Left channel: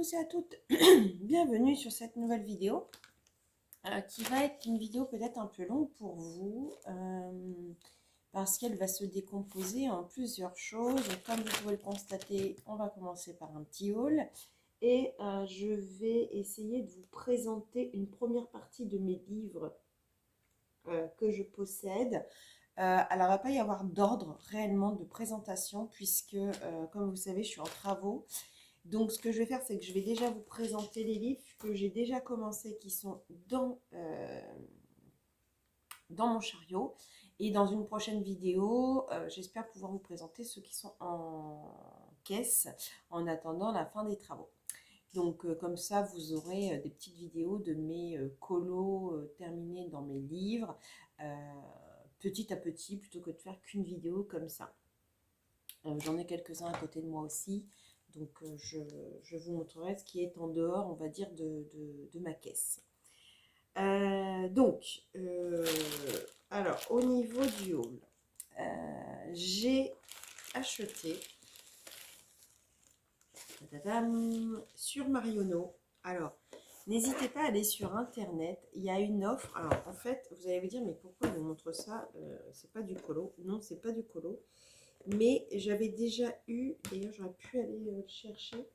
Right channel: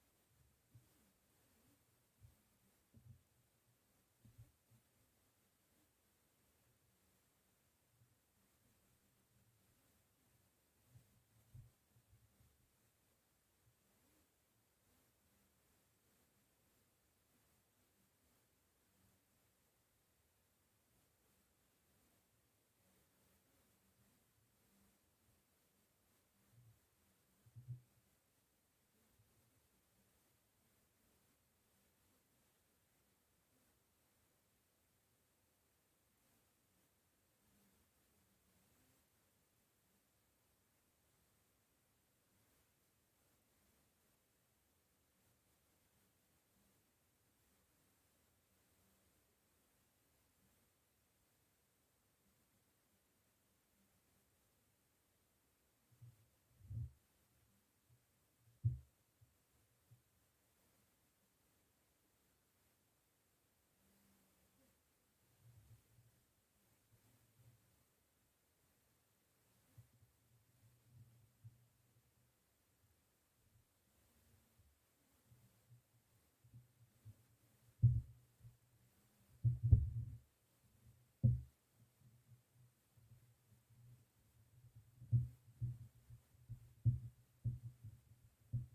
tous et à toutes, bienvenue sur cette nouvelle vidéo qui va être une vidéo peut-être un peu longue pour vous parce qu'elle va se décomposer en plusieurs choses. Comme vous pouvez le constater, on va commencer par un petit haul et je vais essayer de vous présenter une première partie de mes livres que je possède. Alors, il ne va pas y avoir d'ordre réellement de présentation puisque, comme vous savez, je suis en travaux. Donc, ce que je vais faire, c'est que je vais déjà vous présenter les livres que j'ai déjà commencé, qui sont dans mon chariot. Et dans une prochaine vidéo, j'espère pouvoir vous présenter ceux qui sont en caisse en attendant la fin des travaux. Donc, comme ça, vous aurez des petites vidéos de mes colos terminés dans mes livres, petit à petit, plutôt que de faire qu'une vidéo comme ça. J'en ai quelques-uns à côté de moi aussi. Donc, je vous montrerai ce qui est en dehors, on va dire, de ma caisse. Alors, au niveau du haul, j'ai acheté sur Marionneau. Alors, n'hésitez pas à aller sur Internet. Il y a une offre. Alors, en fait, vous allez vous dire, mais pourquoi je vous montre ça? C'est pas du colo. Non, c'est pas du colo. Mais j'avais déjà eu, d'ailleurs j'aurais pu aller le chercher.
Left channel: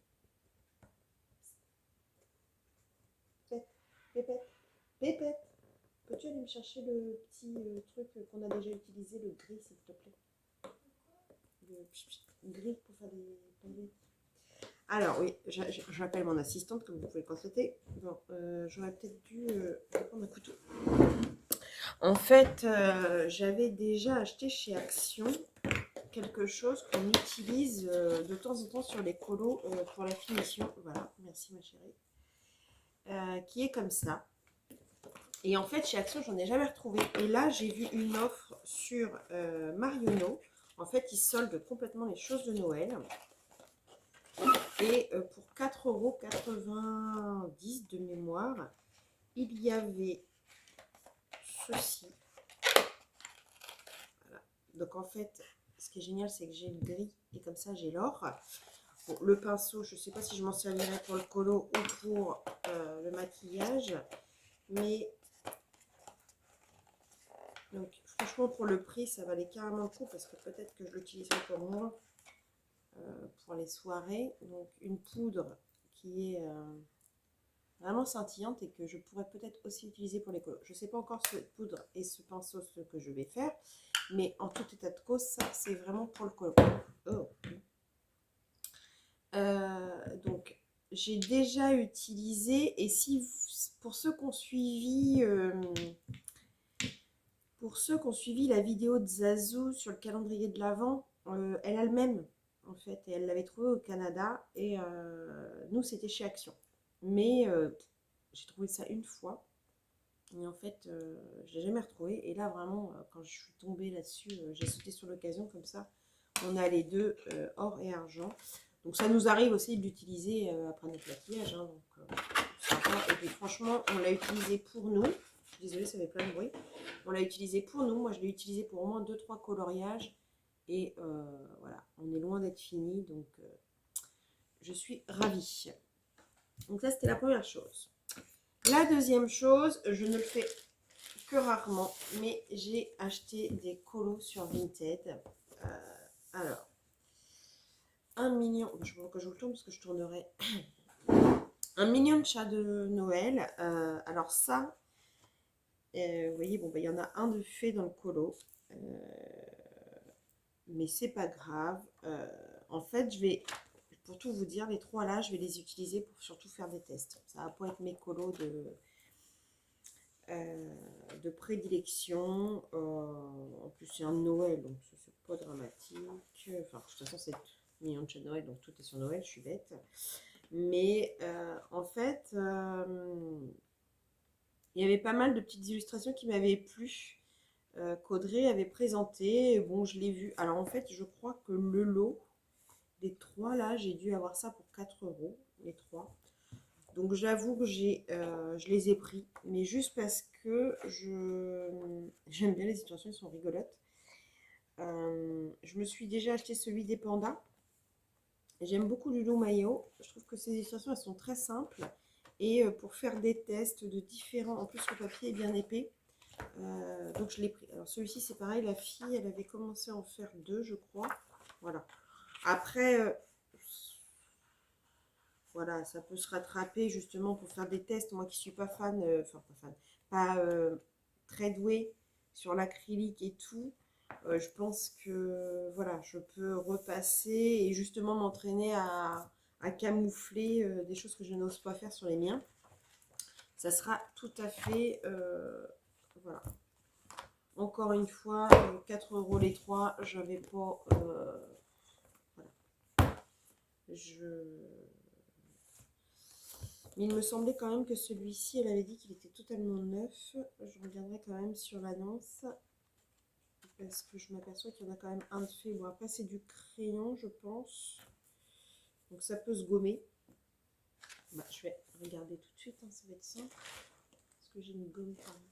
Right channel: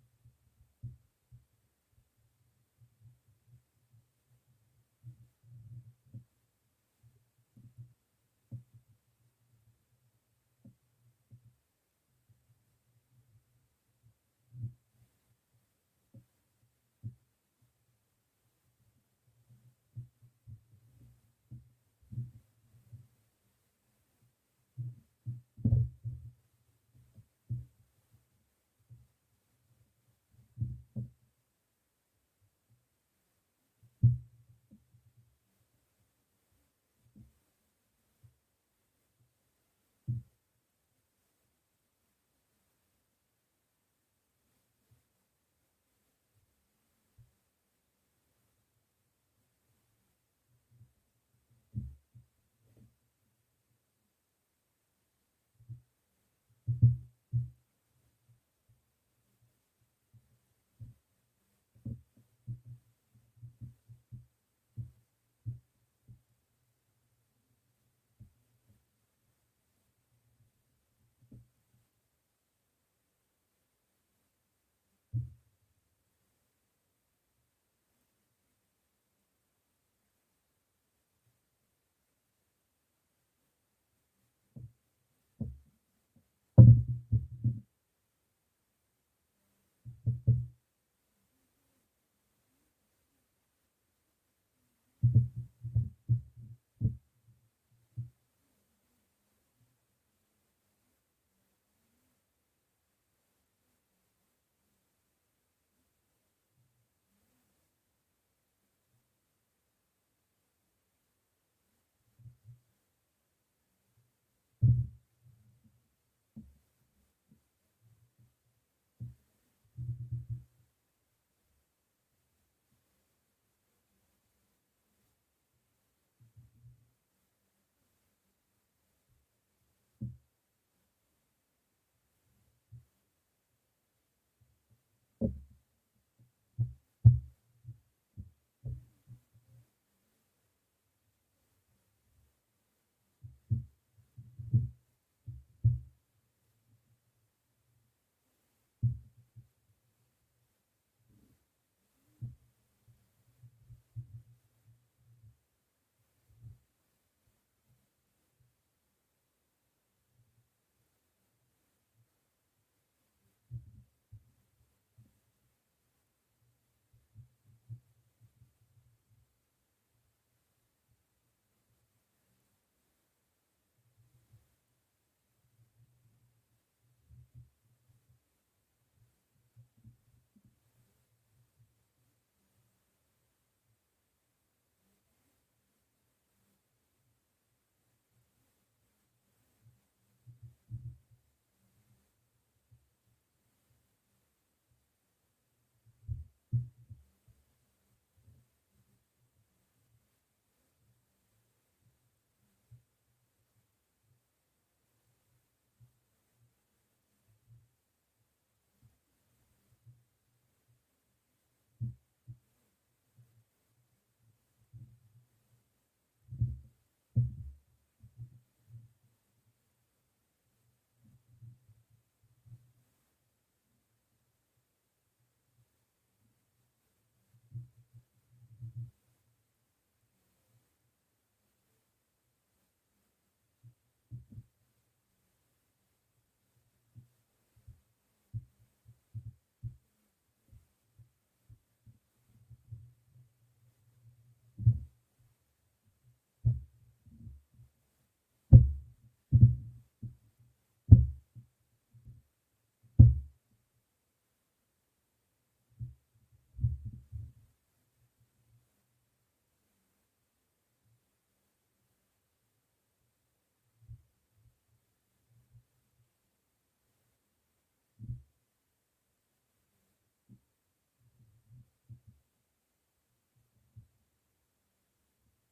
Pépette, Pépette, peux-tu aller me chercher le petit truc qu'on a déjà utilisé, le gris s'il te plaît? Le gris pour faire des tombées. Alors oui, j'appelle mon assistante comme vous pouvez le constater. Bon, j'aurais peut-être dû prendre un couteau. En fait, j'avais déjà acheté chez Action quelque chose qu'on utilise de temps en temps sur les colos pour la finition. Voilà, merci ma chérie. Qui est comme ça. Et en fait, chez Action, j'en ai jamais retrouvé. Et là, j'ai vu une offre sur Marionneau. En fait, ils soldent complètement les choses de Noël. Et pour 4,90 € de mémoire, il y avait ceci. Voilà. Donc en fait, ce qui est génial, c'est que j'ai le gris et comme ça, j'ai l'or. Bon, le pinceau, je ne sais pas si je m'en servirai pour le colo ou pour le maquillage. Mais donc franchement, pour le prix, ça valait carrément le coup parce que peut-être que je l'utiliserai pour moi pour les soirées. Donc une poudre qui est vraiment scintillante et que je pourrais peut-être aussi utiliser pour les colos. Je ne sais pas encore cette poudre et ce pinceau ce que je vais faire, mais en tout état de cause, ça c'est vraiment pour le colo. Oh. Donc j'ai déjà utilisé, et si vous, pour ceux qui ont suivi la vidéo de Zazou sur le calendrier de l'Avent, elle a le même en fait, et elle l'avait trouvé au Canada, et nous c'était chez Action. Mais j'ai trouvé ça une fois, et en fait je l'ai jamais retrouvé, et là vraiment quand je suis tombée là-dessus, j'ai sauté sur l'occasion comme ça. On a les deux, or et argent. Donc ça nous arrive aussi de l'utiliser après notre maquillage. Hein, donc, sympa. Et puis franchement, on l'a utilisé pour nous. Je suis désolée, ça fait plein de bruit. On l'a utilisé pour nous. Moi, je l'ai utilisé pour au moins 2-3 coloriages. Et voilà, on est loin d'être fini. Donc, je suis ravie. Donc ça, c'était la première chose. La deuxième chose, je ne le fais que rarement, mais j'ai acheté des colos sur Vinted. Alors, 1 million, je vois que je vous le tourne parce que je tournerai. 1 million de chats de Noël. Alors ça, vous voyez, bon, il y en a un de fait dans le colo. Mais c'est pas grave. En fait, je vais, pour tout vous dire, les trois là, je vais les utiliser pour surtout faire des tests. Ça va pas être mes colos de prédilection. En plus, c'est un Noël, donc c'est pas dramatique. Enfin, de toute façon, c'est 1 million de chats de Noël, donc tout est sur Noël, je suis bête. Mais en fait, il y avait pas mal de petites illustrations qui m'avaient plu, qu'Audrey avait présenté. Bon, je l'ai vu. Alors en fait, je crois que le lot des trois là, j'ai dû avoir ça pour 4 €, les trois. Donc j'avoue que je les ai pris, mais juste parce que j'aime bien les situations, elles sont rigolotes. Je me suis déjà acheté celui des pandas. J'aime beaucoup Lulu Mayo. Je trouve que ces illustrations, elles sont très simples. Et pour faire des tests de différents... En plus, le papier est bien épais. Donc, je l'ai pris. Alors, celui-ci, c'est pareil. La fille, elle avait commencé à en faire 2, je crois. Voilà. Après, voilà, ça peut se rattraper justement pour faire des tests. Moi qui suis pas fan, enfin pas fan, pas très douée sur l'acrylique et tout, je pense que voilà, je peux repasser et justement m'entraîner à camoufler des choses que je n'ose pas faire sur les miens. Ça sera tout à fait, voilà. Encore une fois, 4 euros les 3, j'avais pas, voilà. Mais il me semblait quand même que celui-ci, elle avait dit qu'il était totalement neuf. Je regarderai quand même sur l'annonce. Parce que je m'aperçois qu'il y en a quand même un de fait. Bon, après, c'est du crayon, je pense. Donc, ça peut se gommer. Bah, je vais regarder tout de suite, hein, ça va être simple. Est-ce que j'ai une gomme quand même?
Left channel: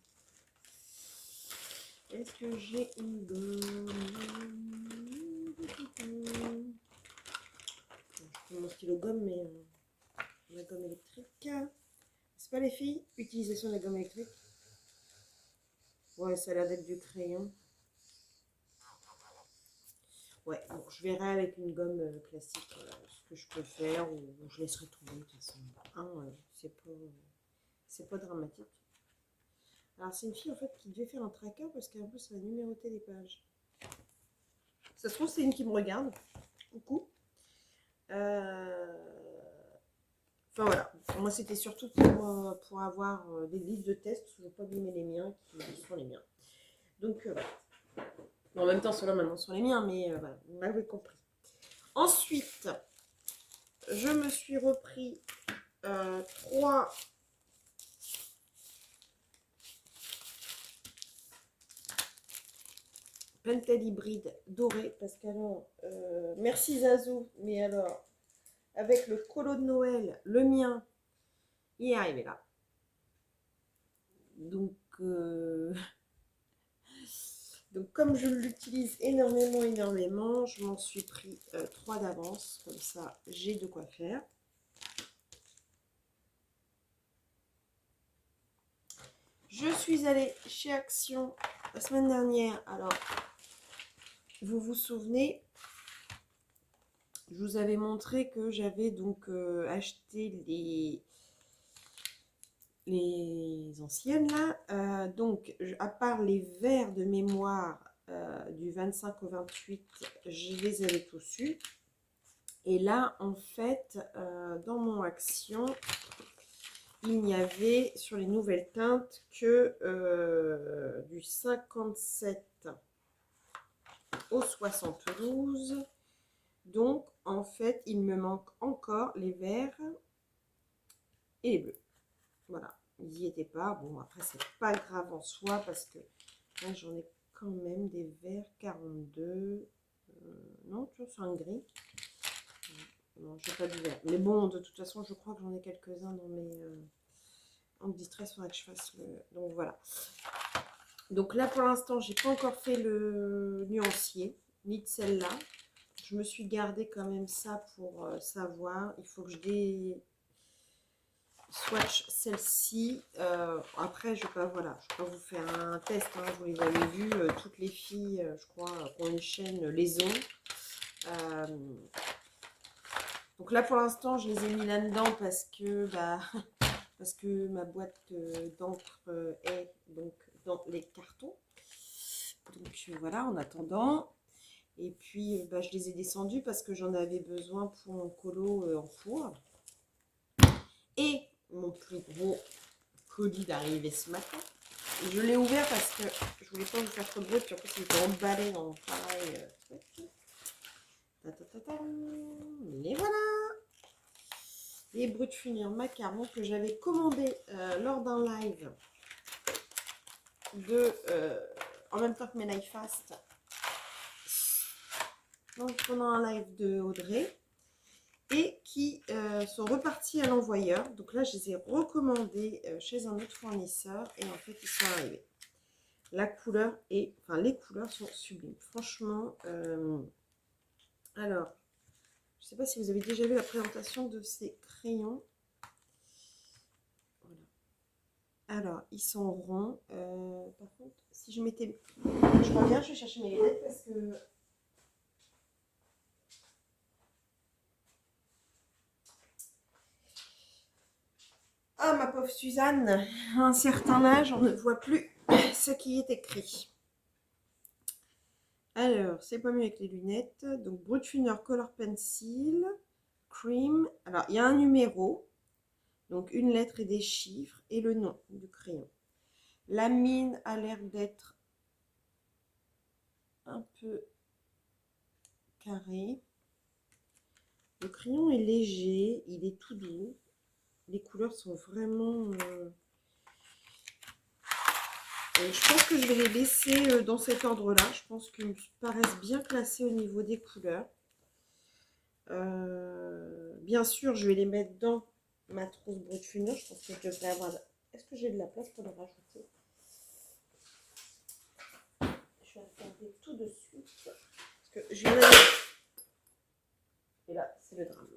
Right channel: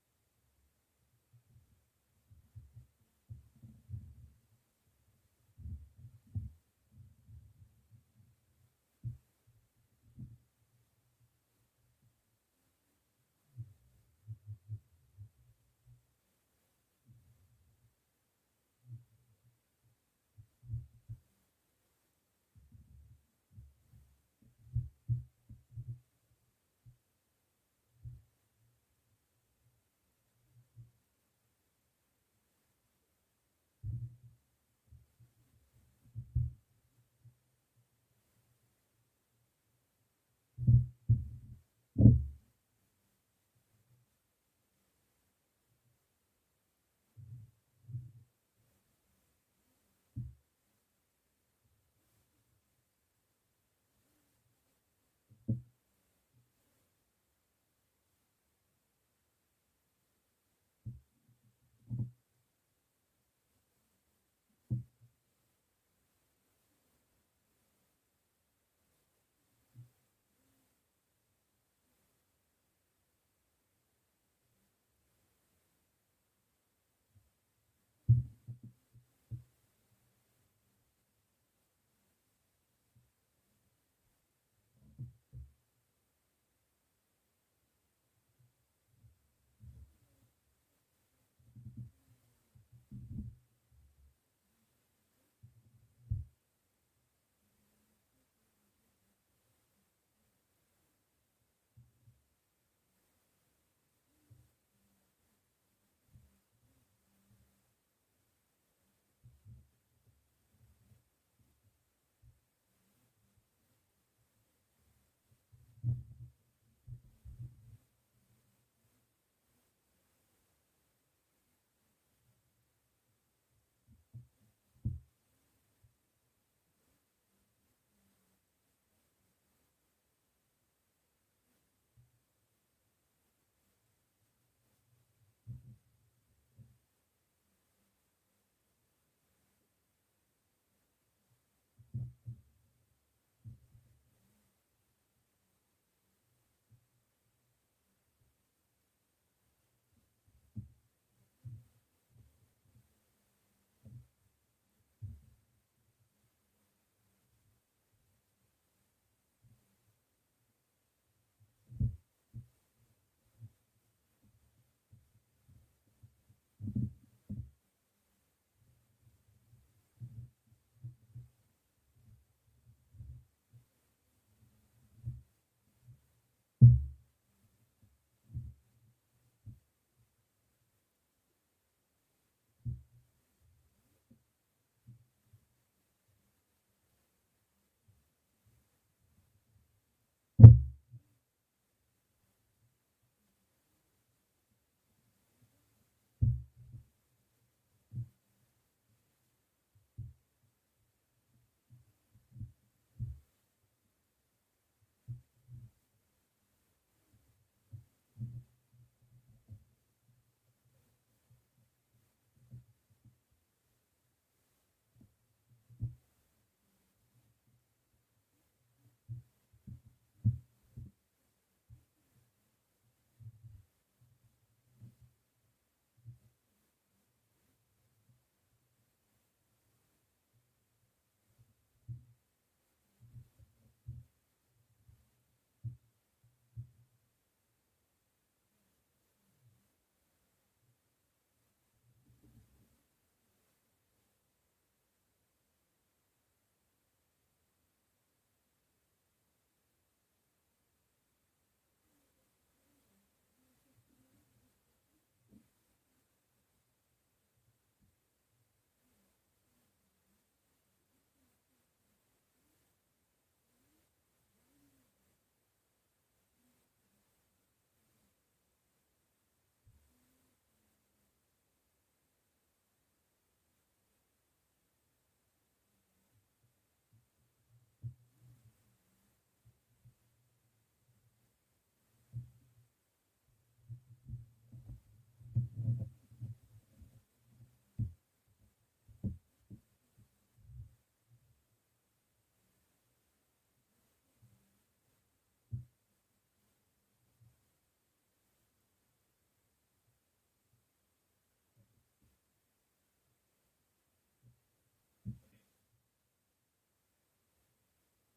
Est-ce que j'ai une gomme? Je prends mon stylo gomme, mais la gomme électrique. C'est pas les filles? Utilisation de la gomme électrique. Ouais, ça a l'air d'être du crayon. Ouais, bon, je verrai avec une gomme classique ce que je peux faire ou je laisserai tomber de toute façon. Hein, c'est pas dramatique. Alors c'est une fille en fait qui devait faire un tracker parce qu'en plus elle a numéroté les pages. Ça se trouve c'est une qui me regarde. Coucou. Enfin voilà. Moi c'était surtout pour avoir des livres de tests parce que je ne veux pas abîmer les miens qui sont les miens. Donc voilà. Bon, en même temps ceux-là maintenant sont les miens mais voilà, vous m'avez compris. Ensuite, je me suis repris 3 Pentel hybride doré parce qu'alors, merci Zazou, mais alors, avec le colo de Noël, le mien, il est arrivé là. Donc, donc comme je l'utilise énormément, je m'en suis pris 3 d'avance, comme ça j'ai de quoi faire. Je suis allée chez Action la semaine dernière, alors vous vous souvenez, je vous avais montré que j'avais donc acheté les anciennes là. Donc, à part les verres de mémoire du 25 au 28, je les avais tous eus. Et là, en fait, dans mon Action, il n'y avait sur les nouvelles teintes que du 57 au 72. Donc, en fait, il me manque encore les verts et les bleus. Voilà, ils n'y étaient pas. Bon, après, c'est pas grave en soi parce que là, j'en ai quand même des verts 42. Non, tu vois, c'est un gris. Non, j'ai pas du vert. Mais bon, de toute façon, je crois que j'en ai quelques-uns dans mes... en distress, il faudrait que je fasse le... Donc, voilà. Donc là, pour l'instant, j'ai pas encore fait le nuancier, ni de celle-là. Je me suis gardé quand même ça pour savoir. Il faut que je swatch celle-ci. Après, je ne vais pas, voilà, je vais pas vous faire un test. Hein, vous les avez vus. Toutes les filles, je crois, qui ont une chaîne, les ont. Donc là, pour l'instant, je les ai mis là-dedans parce que, parce que ma boîte d'encre est donc dans les cartons. Donc voilà, en attendant. Et puis, je les ai descendus parce que j'en avais besoin pour mon colo en four. Et mon plus gros colis d'arrivée ce matin. Je l'ai ouvert parce que je voulais pas vous faire trop de bruit. Puis en plus, il était emballé dans pareil truc. Et voilà, les bruits de funir macarons que j'avais commandé lors d'un live en même temps que mes live fast. Donc pendant un live de Audrey. Et qui sont repartis à l'envoyeur. Donc là, je les ai recommandés chez un autre fournisseur et en fait, ils sont arrivés. La couleur est, enfin, les couleurs sont sublimes. Franchement, alors, je sais pas pas si vous avez déjà vu la présentation de ces crayons. Voilà. Alors, ils sont ronds. Par contre, si je mettais... Je reviens, je vais chercher mes lunettes parce que... Ah, ma pauvre Suzanne, à un certain âge, on ne voit plus ce qui est écrit. Alors, c'est pas mieux avec les lunettes. Donc, Brutfuner Color Pencil, Cream. Alors, il y a un numéro, donc une lettre et des chiffres, et le nom du crayon. La mine a l'air d'être un peu carré. Le crayon est léger, il est tout doux. Les couleurs sont vraiment... je pense que je vais les laisser dans cet ordre-là. Je pense qu'ils me paraissent bien classés au niveau des couleurs. Bien sûr, je vais les mettre dans ma trousse Brutfuner. Je pense que je devrais avoir... Est-ce que j'ai de la place pour les rajouter? Je vais regarder tout de suite. Parce que je viens d'aller... Et là, c'est le drame.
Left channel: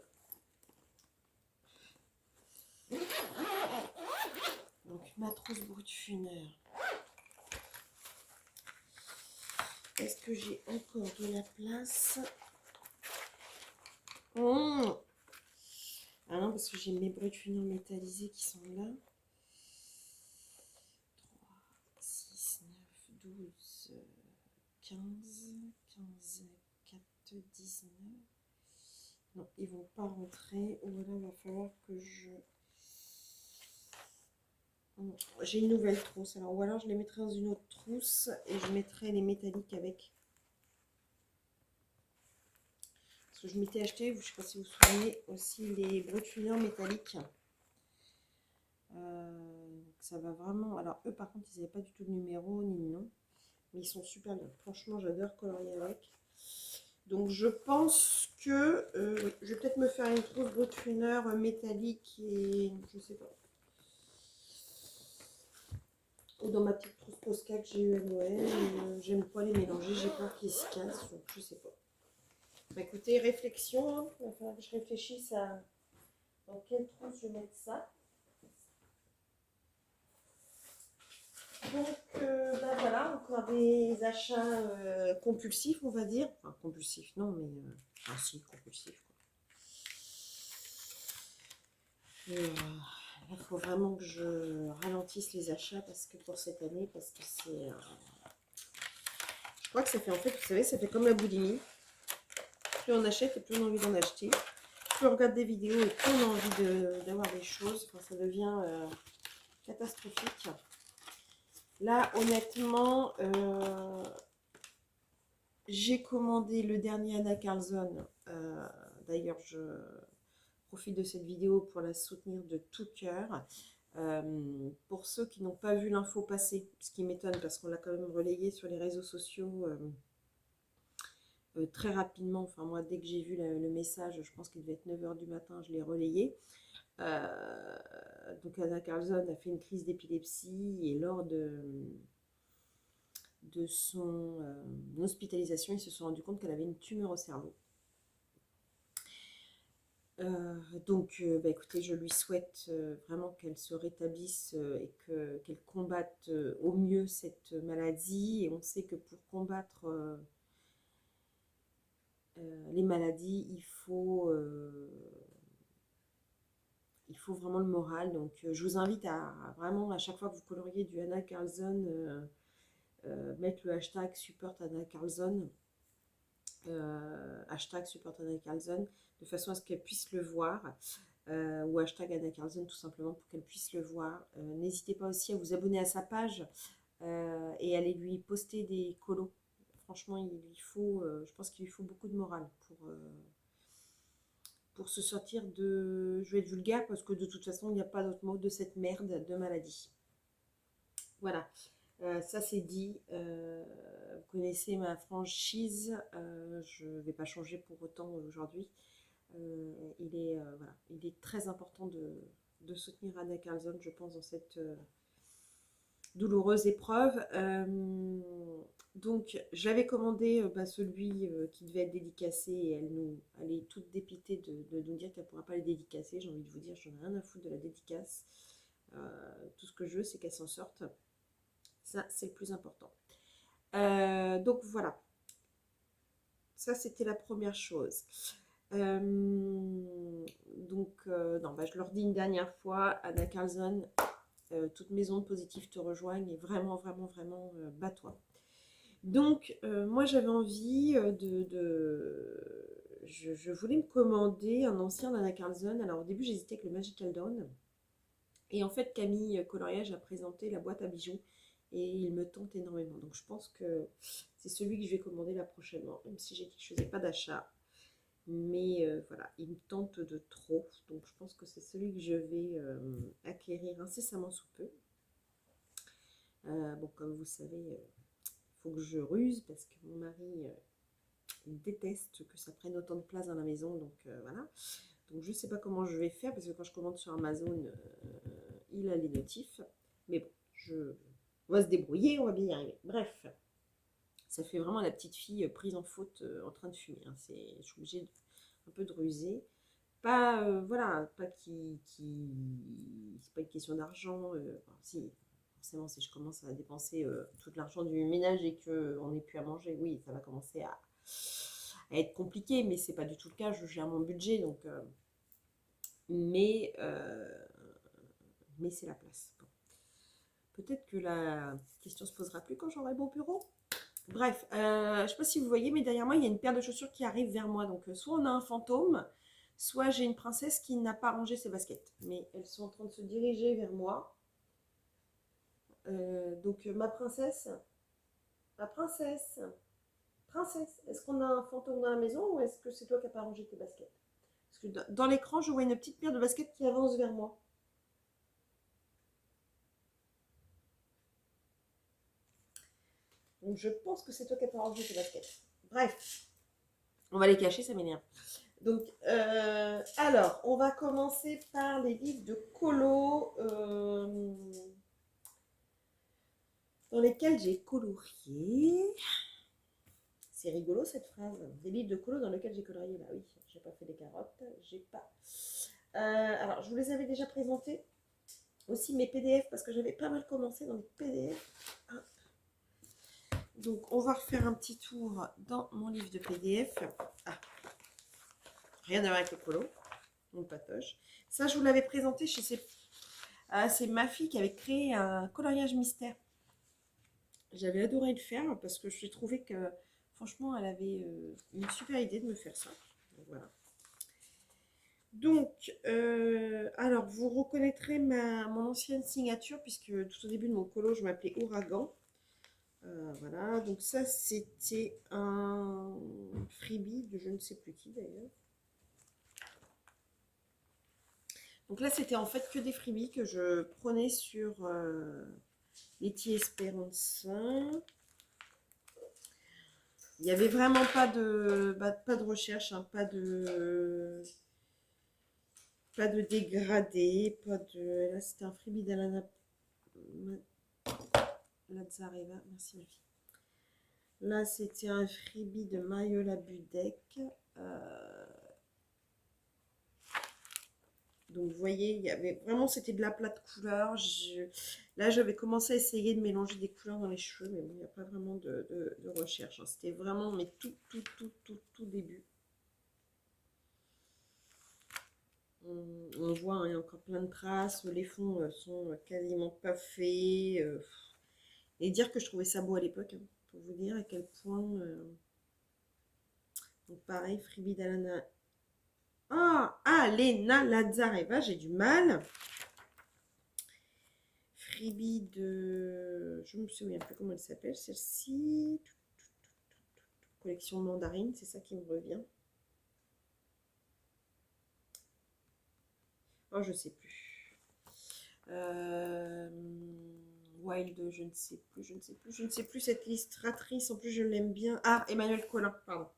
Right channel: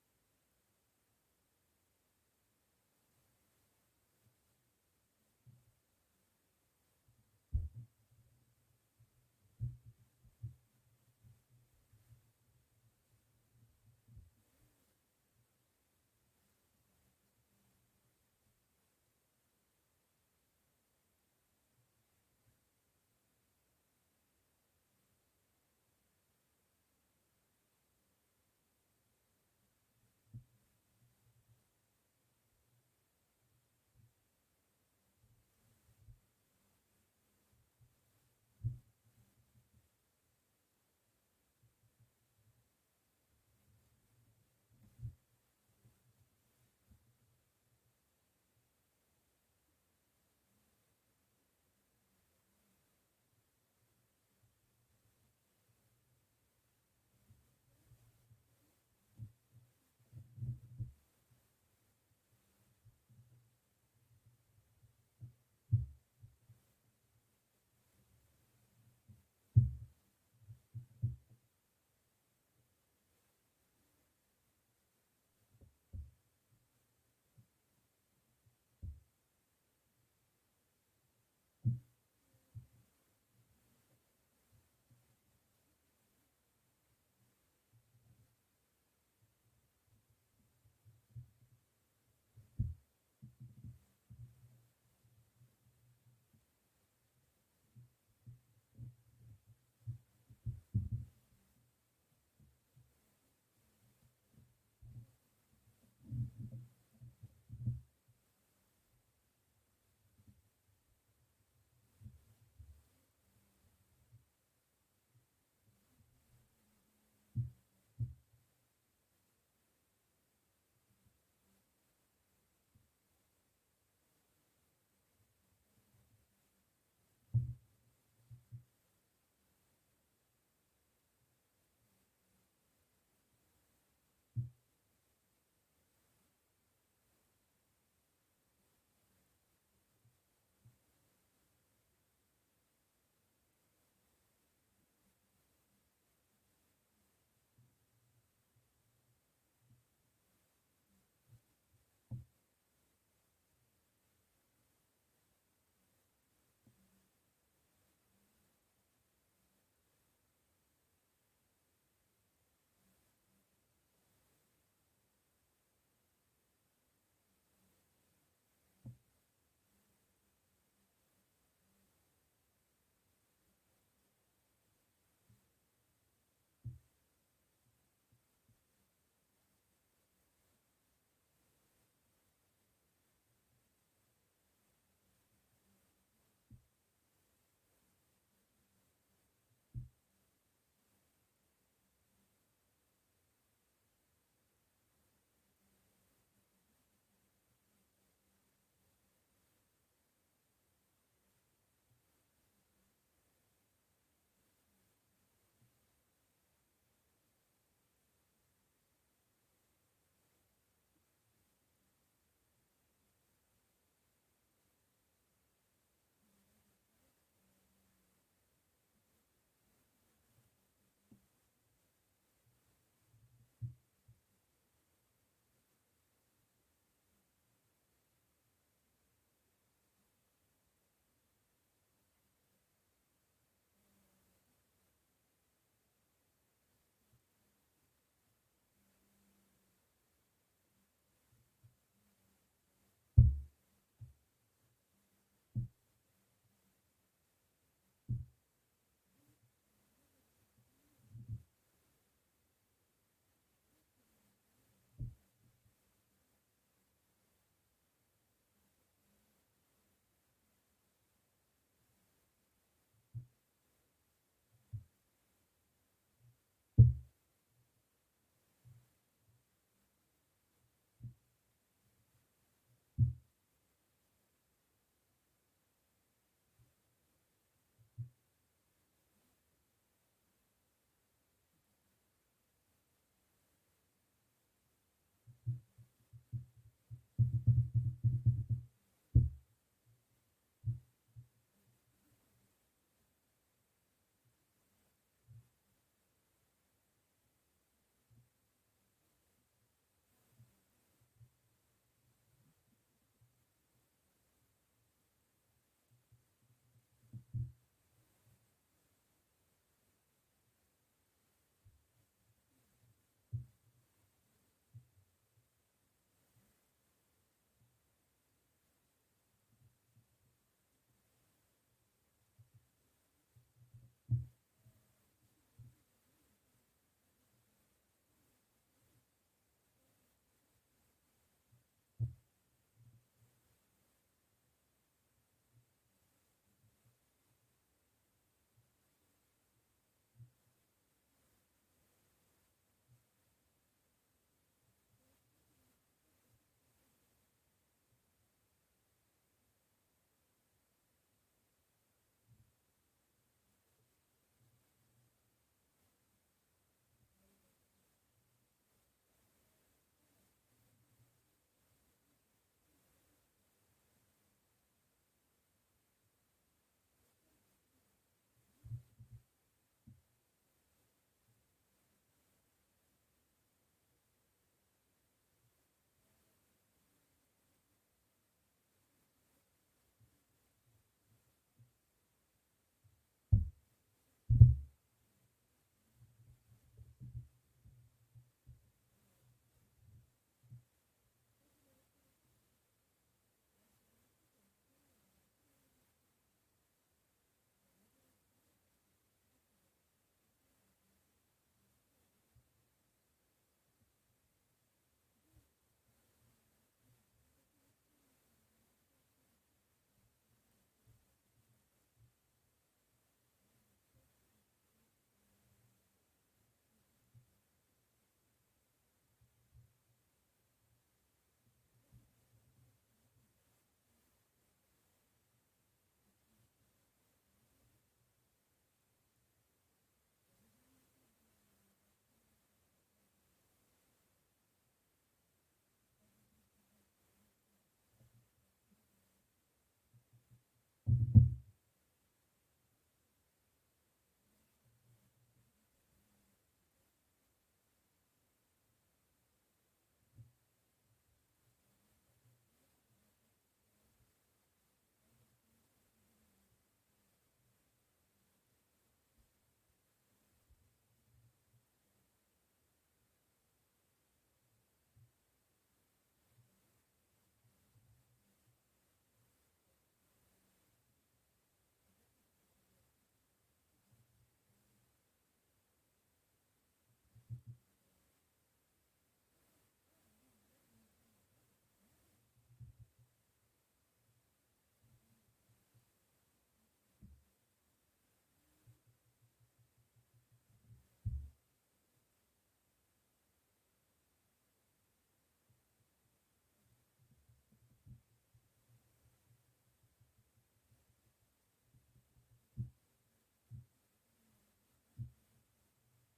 Donc, ma trousse Brutfuner. Est-ce que j'ai encore de la place? Ah non, parce que j'ai mes Brutfuner métallisés qui sont là. 3, 6, 9, 12, 15, 15, 4, 19. Non, ils vont pas rentrer. Ou alors, il va falloir que je... J'ai une nouvelle trousse. Alors, ou alors, je les mettrai dans une autre trousse et je mettrai les métalliques avec. Parce que je m'étais acheté, je ne sais pas si vous vous souvenez, aussi les Brutfuner métalliques. Ça va vraiment... Alors, eux, par contre, ils n'avaient pas du tout de numéro ni de nom. Mais ils sont super bien. Franchement, j'adore colorier avec. Donc, je pense que... oui, je vais peut-être me faire une trousse Brutfuner métallique et... Je sais pas. Ou dans ma petite trousse Posca que j'ai eu à Noël. J'aime pas les mélanger. J'ai peur qu'ils se cassent. Donc, je sais pas. Bah, écoutez, réflexion. Hein. Il va falloir que je réfléchisse à dans quelle trousse je vais mettre ça. Donc, ben voilà, encore des achats compulsifs, on va dire. Enfin, compulsifs, non, mais... ah si, compulsifs, quoi. Il faut vraiment que je ralentisse les achats parce que pour cette année, parce que c'est... je crois que ça fait, en fait, vous savez, ça fait comme la boulimie. Plus on achète et plus on a envie d'en acheter. Plus on regarde des vidéos et plus on a envie d'avoir des choses. Enfin, ça devient catastrophique. Là, honnêtement, j'ai commandé le dernier Anna Carlson. D'ailleurs, je profite de cette vidéo pour la soutenir de tout cœur. Pour ceux qui n'ont pas vu l'info passer, ce qui m'étonne parce qu'on l'a quand même relayé sur les réseaux sociaux très rapidement. Enfin, moi, dès que j'ai vu le message, je pense qu'il devait être 9 h du matin, je l'ai relayé. Donc Anna Carlson a fait une crise d'épilepsie et lors de son hospitalisation, ils se sont rendus compte qu'elle avait une tumeur au cerveau. Donc, bah, écoutez, je lui souhaite vraiment qu'elle se rétablisse et qu'elle combatte au mieux cette maladie. Et on sait que pour combattre les maladies, il faut vraiment le moral. Donc, je vous invite à vraiment, à chaque fois que vous coloriez du Anna Carlson, mettre le hashtag support Anna Carlson, hashtag support Anna Carlson, de façon à ce qu'elle puisse le voir, ou hashtag Anna Carlson tout simplement pour qu'elle puisse le voir. N'hésitez pas aussi à vous abonner à sa page et aller lui poster des colos. Franchement, je pense qu'il lui faut beaucoup de morale pour se sortir de... Je vais être vulgaire parce que de toute façon, il n'y a pas d'autre mot de cette merde de maladie. Voilà, ça c'est dit. Vous connaissez ma franchise, je ne vais pas changer pour autant aujourd'hui. Voilà, il est très important de soutenir Anna Carlson, je pense, douloureuse épreuve. Donc j'avais commandé celui qui devait être dédicacé et elle est toute dépitée de nous dire qu'elle ne pourra pas les dédicacer. J'ai envie de vous dire, j'en ai rien à foutre de la dédicace. Tout ce que je veux, c'est qu'elle s'en sorte. Ça, c'est le plus important. Donc voilà. Ça, c'était la première chose. Je leur dis une dernière fois, Anna Carlson, toutes mes ondes positives te rejoignent et vraiment, vraiment, vraiment, bats-toi. Donc, moi, j'avais envie je voulais me commander un ancien d'Anna Carlson. Alors, au début, j'hésitais avec le Magical Dawn. Et en fait, Camille Coloriage a présenté la boîte à bijoux et il me tente énormément. Donc, je pense que c'est celui que je vais commander là prochainement, même si j'ai dit que je ne faisais pas d'achat. Mais voilà, il me tente de trop. Donc, je pense que c'est celui que je vais acquérir incessamment sous peu. Bon, comme vous savez, il faut que je ruse parce que mon mari déteste que ça prenne autant de place dans la maison. Donc, voilà. Donc, je ne sais pas comment je vais faire parce que quand je commande sur Amazon, il a les notifs. Mais bon, on va se débrouiller, on va bien y arriver. Bref, ça fait vraiment la petite fille prise en faute en train de fumer. Hein. Je suis obligée un peu de ruser. Pas, voilà, pas c'est pas une question d'argent. Si, forcément, si je commence à dépenser tout l'argent du ménage et qu'on n'ait plus à manger, oui, ça va commencer à être compliqué, mais c'est pas du tout le cas. Je gère mon budget, donc. Mais c'est la place. Bon. Peut-être que la question se posera plus quand j'aurai mon bureau. Bref, je ne sais pas si vous voyez, mais derrière moi, il y a une paire de chaussures qui arrive vers moi. Donc, soit on a un fantôme, soit j'ai une princesse qui n'a pas rangé ses baskets. Mais elles sont en train de se diriger vers moi. Ma princesse, est-ce qu'on a un fantôme dans la maison ou est-ce que c'est toi qui n'as pas rangé tes baskets? Parce que dans l'écran, je vois une petite paire de baskets qui avance vers moi. Donc je pense que c'est toi qui n'as pas rangé tes baskets. Bref, on va les cacher, ça m'énerve. Donc, alors, on va commencer par les livres de colo dans lesquels j'ai colorié. C'est rigolo cette phrase. Des livres de colo dans lesquels j'ai colorié. Bah oui, j'ai pas fait des carottes, j'ai pas. Alors, je vous les avais déjà présentés. Aussi mes PDF parce que j'avais pas mal commencé dans les PDF. Hop. Donc, on va refaire un petit tour dans mon livre de PDF. Ah. Rien à voir avec le colo. Mon patoche. Ça, je vous l'avais présenté chez c'est ma fille qui avait créé un coloriage mystère. J'avais adoré le faire parce que j'ai trouvé que franchement, elle avait une super idée de me faire ça. Donc, voilà. Donc, alors, vous reconnaîtrez mon ancienne signature puisque tout au début de mon colo, je m'appelais Ouragan. Voilà, donc ça, c'était un freebie de je ne sais plus qui d'ailleurs. Donc là, c'était en fait que des freebies que je prenais sur Letty Esperanza. Il n'y avait vraiment pas de recherche, hein, pas de dégradé, pas de... Là, c'était un freebie d'Alana Lazareva. Merci, ma fille. Là, c'était un freebie de Mariola Budek. Donc, vous voyez, il y avait vraiment, c'était de la plate couleur. Là, j'avais commencé à essayer de mélanger des couleurs dans les cheveux, mais bon, il n'y a pas vraiment de recherche. Hein. C'était vraiment, mais tout début. On voit, hein, il y a encore plein de traces. Les fonds sont quasiment pas faits. Et dire que je trouvais ça beau à l'époque, hein, pour vous dire à quel point. Donc, pareil, freebie d'Alana. Ah, Lena Lazareva, j'ai du mal. Freebie de... Je ne me souviens plus comment elle s'appelle, celle-ci. Collection mandarine, c'est ça qui me revient. Oh, je sais plus. Wild, je ne sais plus cette illustratrice. En plus, je l'aime bien. Ah, Emmanuel Collin, pardon.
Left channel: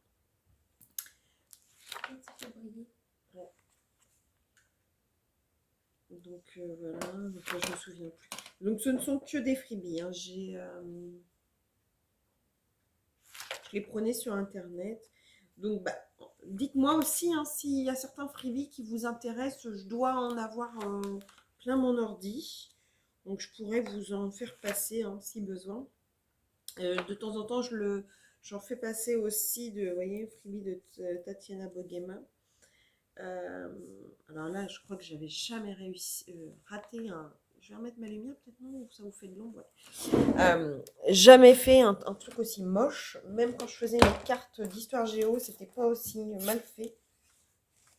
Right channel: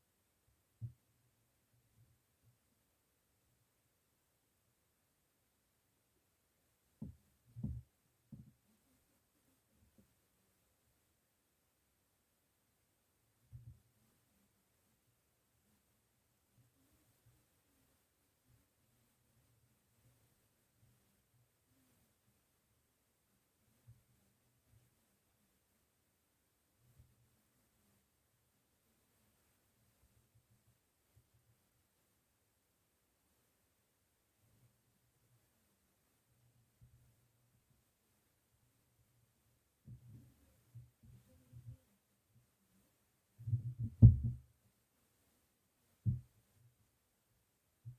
Ouais. Donc voilà, donc là, je me souviens plus. Donc ce ne sont que des freebies, hein. Je les prenais sur internet. Donc bah, dites-moi aussi hein, s'il y a certains freebies qui vous intéressent. Je dois en avoir plein mon ordi. Donc je pourrais vous en faire passer hein, si besoin. De temps en temps, j'en fais passer aussi de, vous voyez, freebie de Tatiana Bogema. Euh, alors là, je crois que j'avais jamais réussi, raté un. Je vais remettre ma lumière, peut-être non, ça vous fait de l'ombre. Jamais fait un truc aussi moche. Même quand je faisais une carte d'histoire géo, c'était pas aussi mal fait.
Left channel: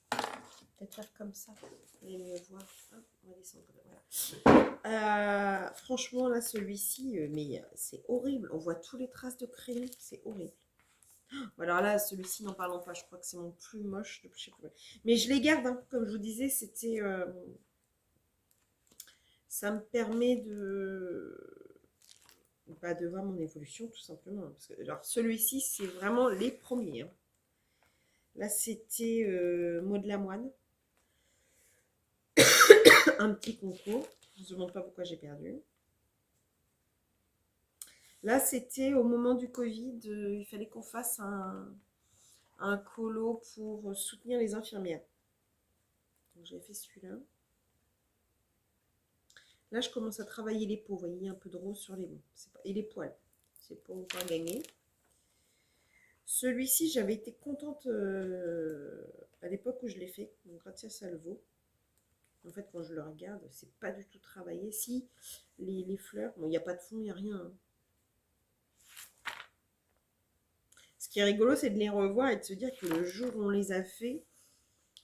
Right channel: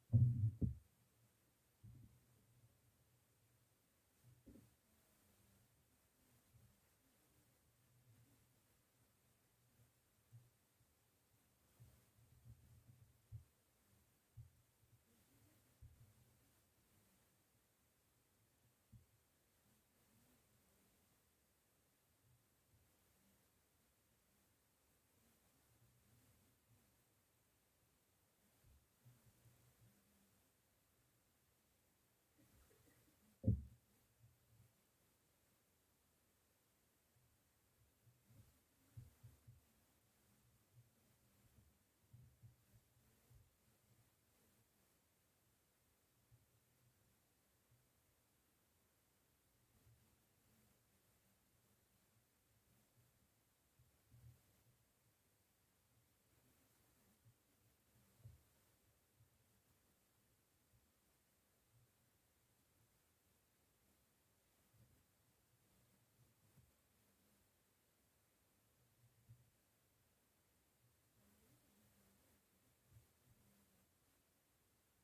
Peut-être faire comme ça. Vous allez mieux voir. Hop, on va descendre. Voilà. Franchement, là, celui-ci, mais c'est horrible. On voit tous les traces de crayon. C'est horrible. Alors là, celui-ci, n'en parlons pas. Je crois que c'est mon plus moche. Je sais plus. Mais je les garde. Hein. Comme je vous disais, c'était. Ça me permet de voir mon évolution, tout simplement. Parce que, alors, celui-ci, c'est vraiment les premiers. Hein. Là, c'était Maud Lamoine. Un petit concours. Je ne me demande pas pourquoi j'ai perdu. Là, c'était au moment du Covid. Il fallait qu'on fasse un colo pour soutenir les infirmières. Donc, j'ai fait celui-là. Là, je commence à travailler les peaux. Vous voyez, un peu de rose sur les mains. Et les poils. C'est pas encore gagné. Celui-ci, j'avais été contente à l'époque où je l'ai fait. Donc, Grazia Salvo. En fait, quand je le regarde, c'est pas du tout travaillé. Si, les fleurs, bon, il n'y a pas de fond, il n'y a rien. Hein. Ce qui est rigolo, c'est de les revoir et de se dire que le jour où on les a fait,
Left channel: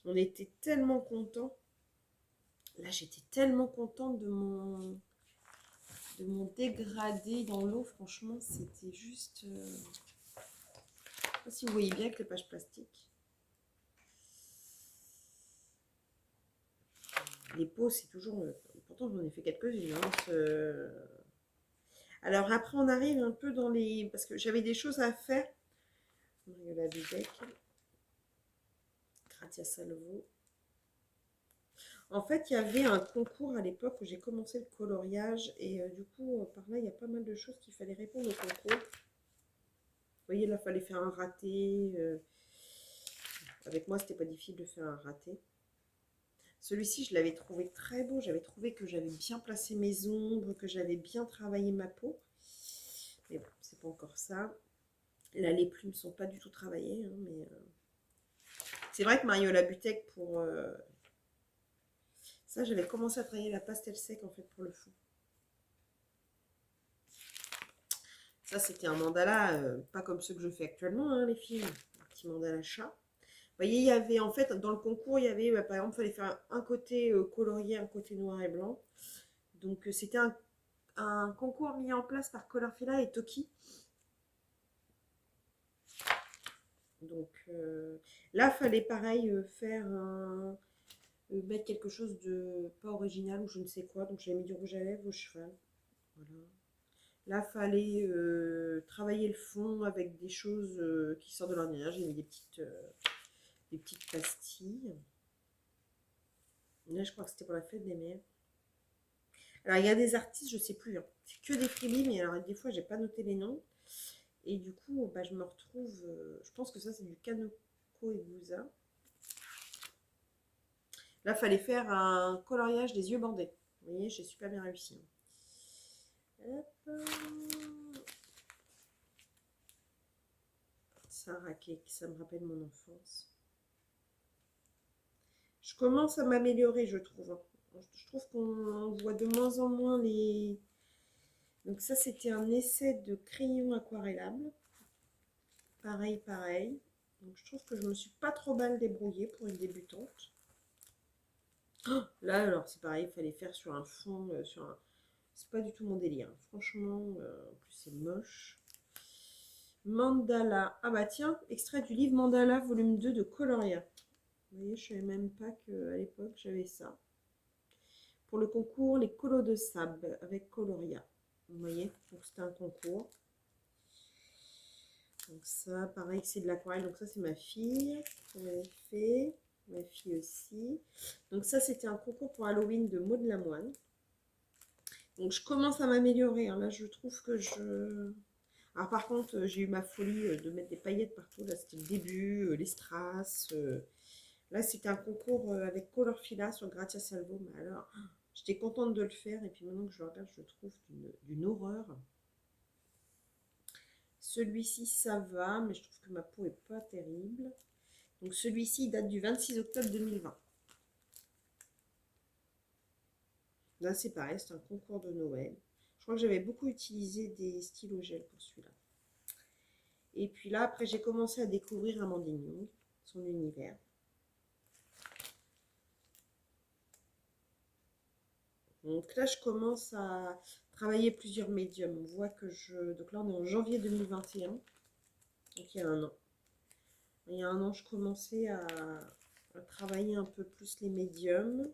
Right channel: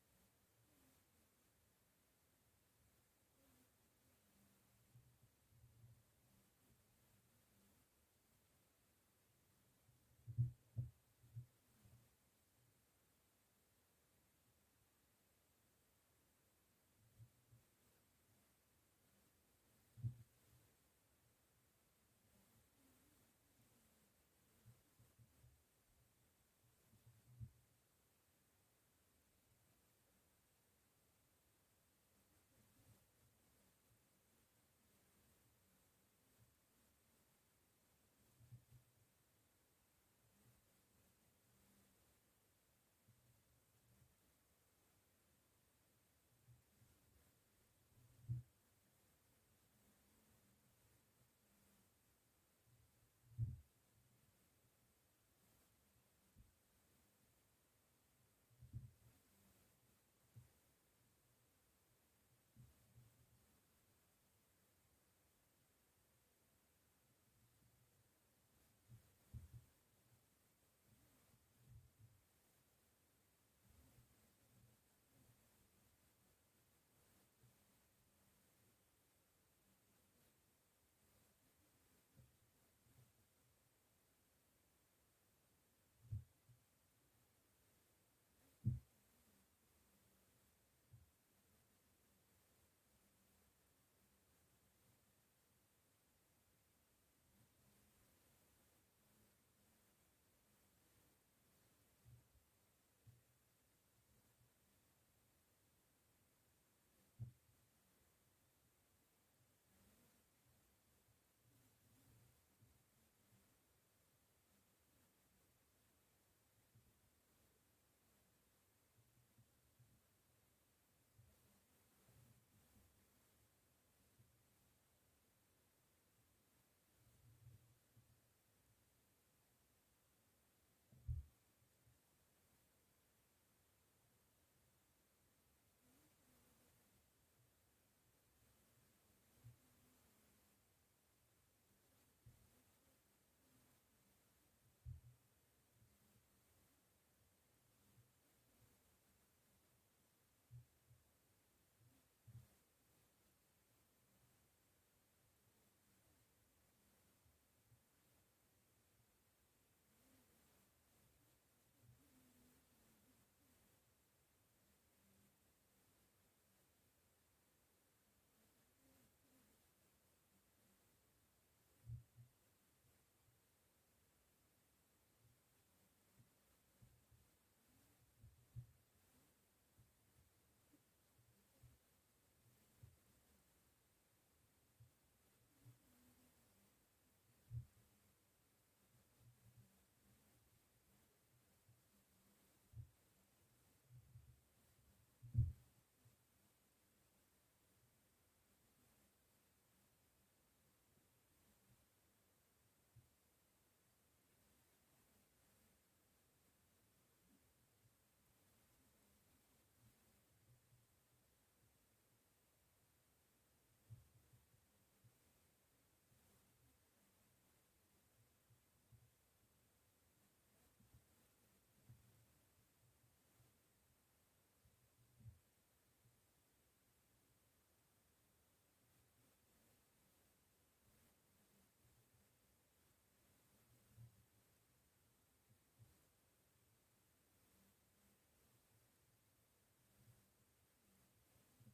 on était tellement contents. Là, j'étais tellement contente de mon dégradé dans l'eau. Franchement, c'était juste... Je sais pas si vous voyez bien avec les pages plastiques. Les peaux, c'est toujours... Pourtant, j'en ai fait quelques-unes. Hein, alors après, on arrive un peu dans les... Parce que j'avais des choses à faire. La Dudek. Grazia Salvo. En fait, il y avait un concours à l'époque où j'ai commencé le coloriage. Et du coup, par là, il y a pas mal de choses qu'il fallait répondre au concours. Vous voyez, là, il fallait faire un raté. Avec moi, c'était pas difficile de faire un raté. Celui-ci, je l'avais trouvé très beau. J'avais trouvé que j'avais bien placé mes ombres, que j'avais bien travaillé ma peau. Mais bon, c'est pas encore ça. Là, les plumes sont pas du tout travaillées. Hein, mais c'est vrai que Mariola Butek, pour ça, j'avais commencé à travailler la pastel sec en fait pour le fond. Ça, c'était un mandala, pas comme ceux que je fais actuellement, hein, les filles. Un petit mandala chat. Vous voyez, il y avait en fait, dans le concours, il y avait, par exemple, il fallait faire un côté colorié, un côté noir et blanc. Donc, c'était un concours mis en place par Colorfila et Toki. Donc, là, il fallait pareil faire mettre quelque chose de pas original ou je ne sais quoi. Donc, j'ai mis du rouge à lèvres au cheval. Voilà. Là, il fallait travailler le fond avec des choses qui sortent de l'ordinaire. J'ai mis des petites pastilles. Là, je crois que c'était pour la fête des mères. Alors, il y a des artistes, je ne sais plus. Hein. C'est que des freebies, mais alors des fois, j'ai pas noté les noms. Et du coup, bah, je me retrouve... je pense que ça, c'est du Kanoko et Bouza. Là, il fallait faire un coloriage des yeux bandés. Vous voyez, j'ai super bien réussi. Hop. Sarah Cake, ça me rappelle mon enfance. Je commence à m'améliorer, je trouve. Hein. Je trouve qu'on voit de moins en moins les... Donc ça, c'était un essai de crayon aquarellable. Pareil, pareil. Donc je trouve que je me suis pas trop mal débrouillée pour une débutante. Oh, là, alors, c'est pareil, il fallait faire sur un fond, C'est pas du tout mon délire. Franchement, en plus, c'est moche. Mandala. Ah bah tiens, extrait du livre Mandala, volume 2 de Coloria. Vous voyez, je savais même pas qu'à l'époque, j'avais ça. Pour le concours, les colos de sable avec Coloria. Vous voyez, donc c'était un concours. Donc ça, pareil, c'est de l'aquarelle. Donc ça, c'est ma fille. On avait fait. Ma fille aussi. Donc ça, c'était un concours pour Halloween de Maud Lamoine. Donc je commence à m'améliorer, hein. Là, je trouve que je... Alors par contre, j'ai eu ma folie de mettre des paillettes partout. Là, c'était le début, les strass. Là, c'était un concours avec Colorfila sur Grazia Salvo. Mais alors, j'étais contente de le faire. Et puis maintenant que je le regarde, je le trouve d'une horreur. Celui-ci, ça va, mais je trouve que ma peau est pas terrible. Donc celui-ci date du 26 octobre 2020. Là, c'est pareil, c'est un concours de Noël. Je crois que j'avais beaucoup utilisé des stylos gel pour celui-là. Et puis là, après, j'ai commencé à découvrir Amandine Young, son univers. Donc là, je commence à travailler plusieurs médiums. On voit que je... Donc là, on est en janvier 2021. Donc il y a un an. Il y a un an, je commençais à travailler un peu plus les médiums.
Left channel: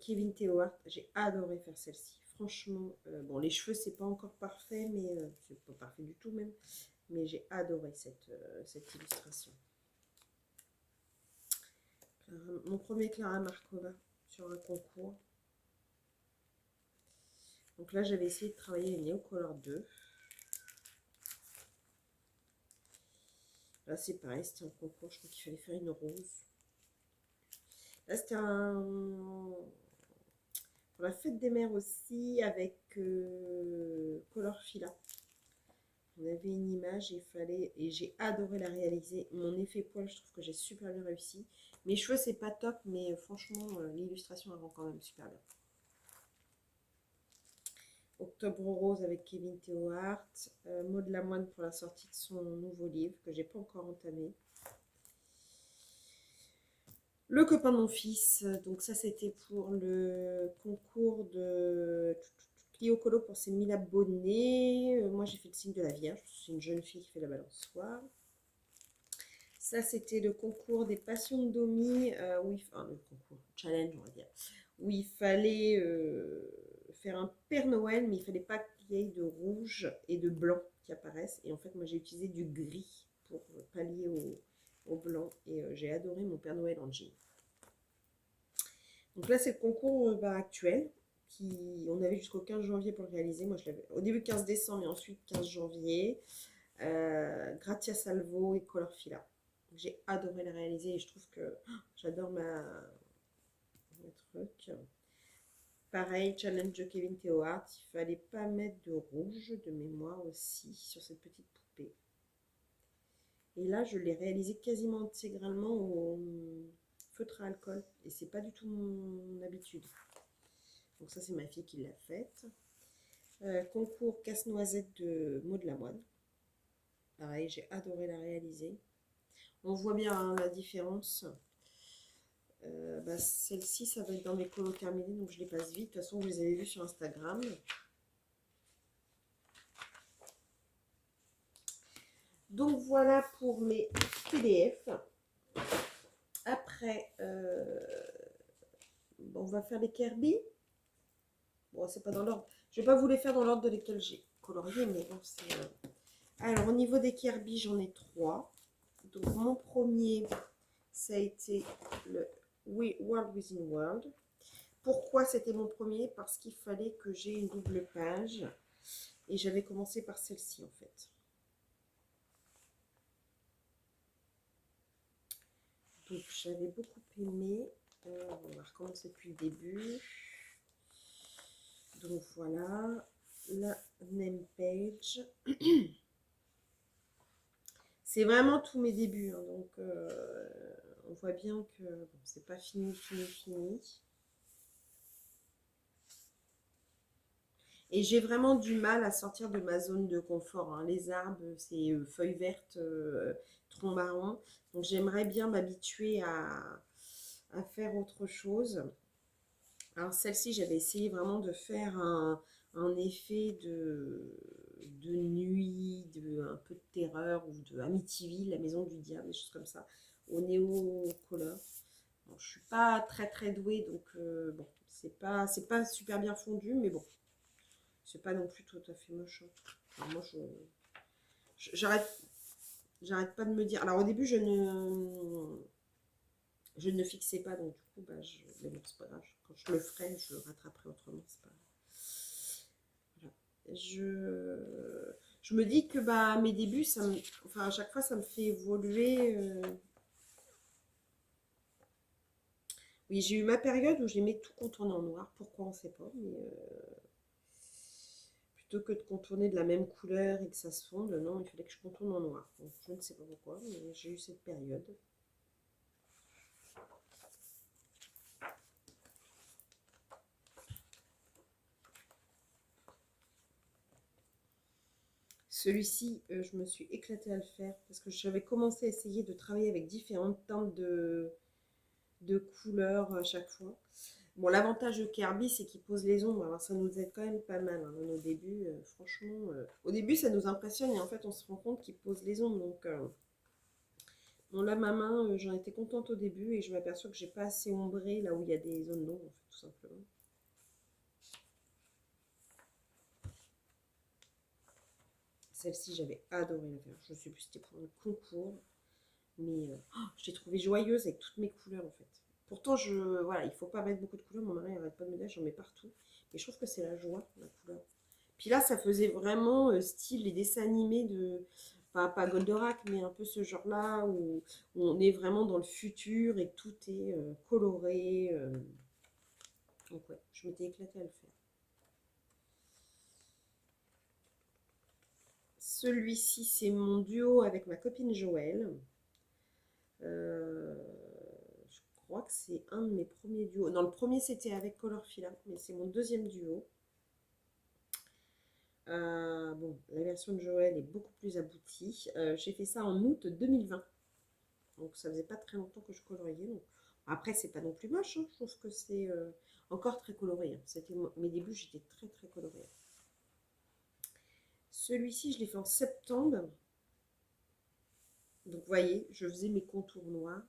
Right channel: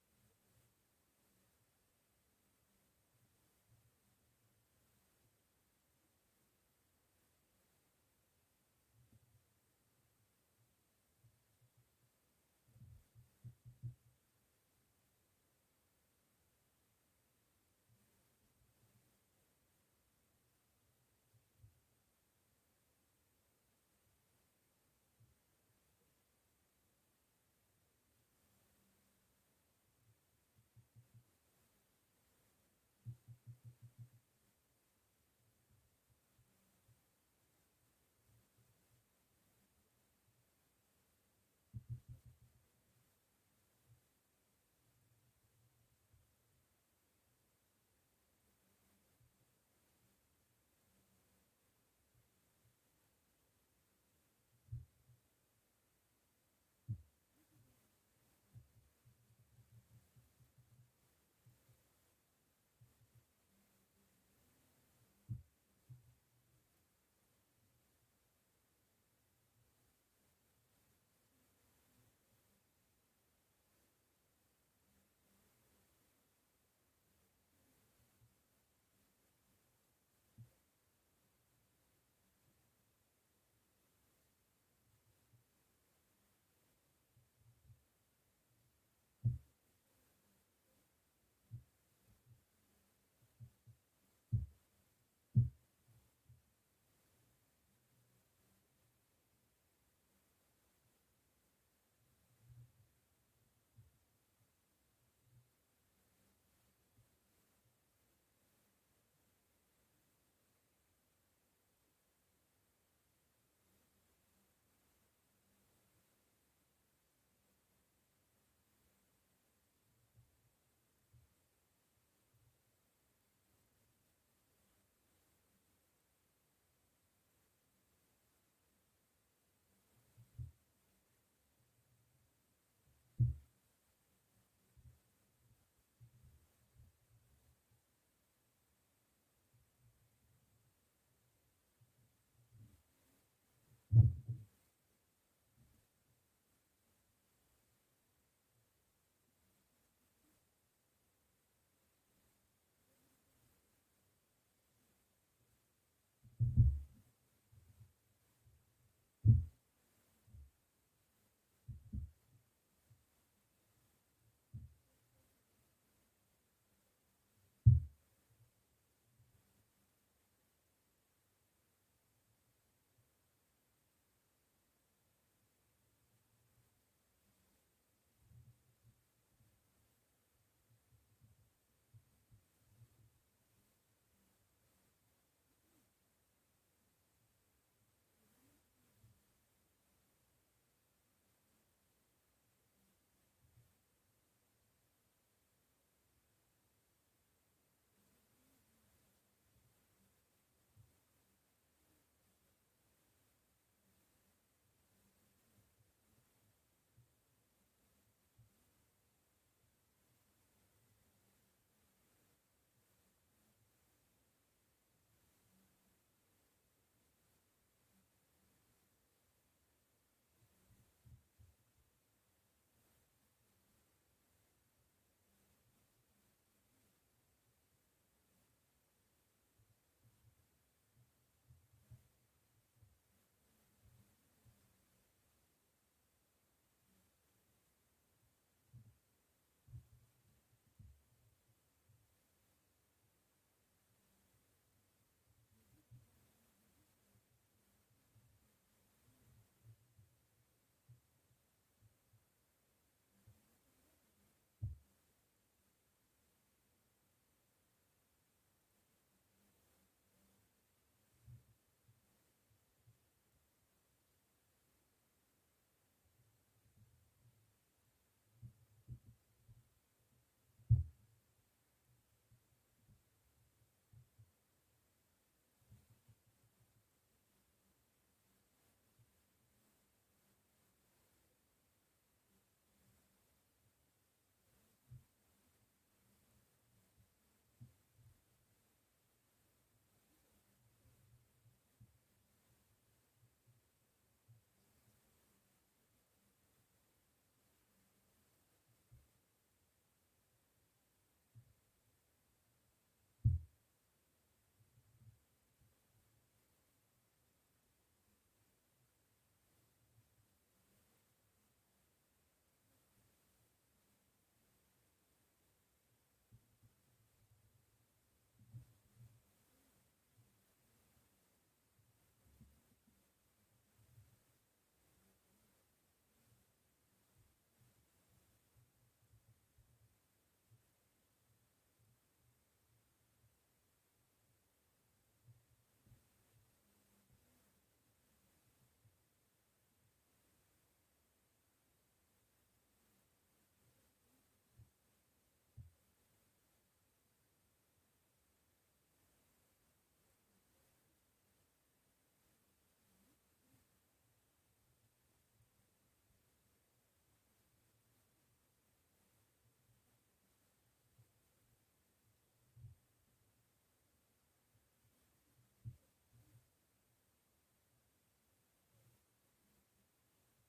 Kevin Théohart, j'ai adoré faire celle-ci. Franchement, bon, les cheveux, c'est pas encore parfait, mais c'est pas parfait du tout même. Mais j'ai adoré cette illustration. Mon premier Clara Markova sur un concours. Donc là, j'avais essayé de travailler les Neocolor 2. Là, c'est pareil, c'était un concours, je crois qu'il fallait faire une rose. Là, c'était un... pour la fête des mères aussi, avec Colorfila. On avait une image et il fallait... Et j'ai adoré la réaliser. Mon effet poil, je trouve que j'ai super bien réussi. Mes cheveux, c'est pas top, mais franchement, l'illustration, elle rend quand même super bien. Octobre Rose avec Kevin Théohart. Maud Lamoine pour la sortie de son nouveau livre que j'ai pas encore entamé. Le copain de mon fils, donc ça c'était pour le concours de Clio Colo pour ses 1000 abonnés. Moi j'ai fait le signe de la Vierge, c'est une jeune fille qui fait la balançoire. Ça c'était le concours des passions de Domi, enfin le concours, challenge on va dire, où il fallait faire un Père Noël, mais il fallait pas qu'il y ait de rouge et de blanc qui apparaissent. Et en fait moi j'ai utilisé du gris pour pallier au blanc et j'ai adoré mon Père Noël en jean. Donc là, c'est le concours actuel. On avait jusqu'au 15 janvier pour le réaliser. Moi, je l'avais au début 15 décembre et ensuite 15 janvier. Grazia Salvo et Colorfila. J'ai adoré la réaliser et je trouve que j'adore ma truc. Pareil, challenge de Kevin Théohart. Il fallait pas mettre de rouge de mémoire aussi sur cette petite poupée. Et là, je l'ai réalisé quasiment intégralement au feutre à alcool. Et c'est pas du tout mon habitude. Donc ça, c'est ma fille qui l'a faite. Concours casse-noisette de Maud Lamoine. Pareil, j'ai adoré la réaliser. On voit bien hein, la différence. Celle-ci, ça va être dans mes colos terminés, donc je les passe vite. De toute façon, vous les avez vus sur Instagram. Donc voilà pour mes PDF. Après, on va faire les Kirby. Bon, c'est pas dans l'ordre. Je vais pas vous les faire dans l'ordre de lesquels j'ai colorié, mais bon, c'est... Alors, au niveau des Kirby, j'en ai 3. Donc, mon premier, ça a été le World Within World. Pourquoi c'était mon premier? Parce qu'il fallait que j'ai une double page. Et j'avais commencé par celle-ci, en fait. Donc, j'avais beaucoup aimé. On va recommencer depuis le début. Donc, voilà. La name page. C'est vraiment tous mes débuts. Hein, donc, on voit bien que bon, c'est pas fini. Et j'ai vraiment du mal à sortir de ma zone de confort. Hein. Les arbres, c'est feuilles vertes, troncs marrons. Donc j'aimerais bien m'habituer à faire autre chose. Alors celle-ci, j'avais essayé vraiment de faire un effet de nuit, un peu de terreur ou de Amityville, la maison du diable, des choses comme ça, au néo-color. Bon, je suis pas très douée, donc bon, c'est pas super bien fondu, mais bon, c'est pas non plus tout à fait moche. Alors moi, j'arrête pas de me dire. Alors au début, Je ne fixais pas, donc du coup, bah, mais bon, c'est pas grave. Quand je le ferai, je rattraperai autrement. C'est pas... Voilà. Je me dis que bah, mes débuts, enfin, à chaque fois, ça me fait évoluer. Oui, j'ai eu ma période où j'aimais tout contourner en noir. Pourquoi, on ne sait pas. Mais plutôt que de contourner de la même couleur et que ça se fonde, non, il fallait que je contourne en noir. Donc, je ne sais pas pourquoi, mais j'ai eu cette période. Celui-ci, je me suis éclatée à le faire parce que j'avais commencé à essayer de travailler avec différentes teintes de couleurs à chaque fois. Bon, l'avantage de Kirby, c'est qu'il pose les ombres. Alors, ça nous aide quand même pas mal hein, dans nos débuts. Franchement, au début, ça nous impressionne et en fait, on se rend compte qu'il pose les ombres. Donc, bon, là, ma main, j'en étais contente au début et je m'aperçois que j'ai pas assez ombré là où il y a des zones d'ombre, en fait, tout simplement. Celle-ci, j'avais adoré la faire. Je sais plus si c'était pour un concours, mais je l'ai trouvée joyeuse avec toutes mes couleurs, en fait. Pourtant, voilà, il faut pas mettre beaucoup de couleurs. Mon mari n'arrête pas de me dire, j'en mets partout. Mais je trouve que c'est la joie, la couleur. Puis là, ça faisait vraiment style les dessins animés de, pas Goldorak, mais un peu ce genre-là, où on est vraiment dans le futur et tout est coloré. Donc ouais, je m'étais éclatée à le faire. Celui-ci, c'est mon duo avec ma copine Joëlle. Euh, je crois que c'est un de mes premiers duos. Non, le premier, c'était avec Colorfila, mais c'est mon deuxième duo. Bon, la version de Joël est beaucoup plus aboutie. J'ai fait ça en août 2020. Donc ça faisait pas très longtemps que je coloriais. Donc... Après, c'est pas non plus moche. Hein. Je trouve que c'est encore très coloré. Hein. C'était mes débuts, j'étais très très colorée. Celui-ci, je l'ai fait en septembre. Donc vous voyez, je faisais mes contours noirs.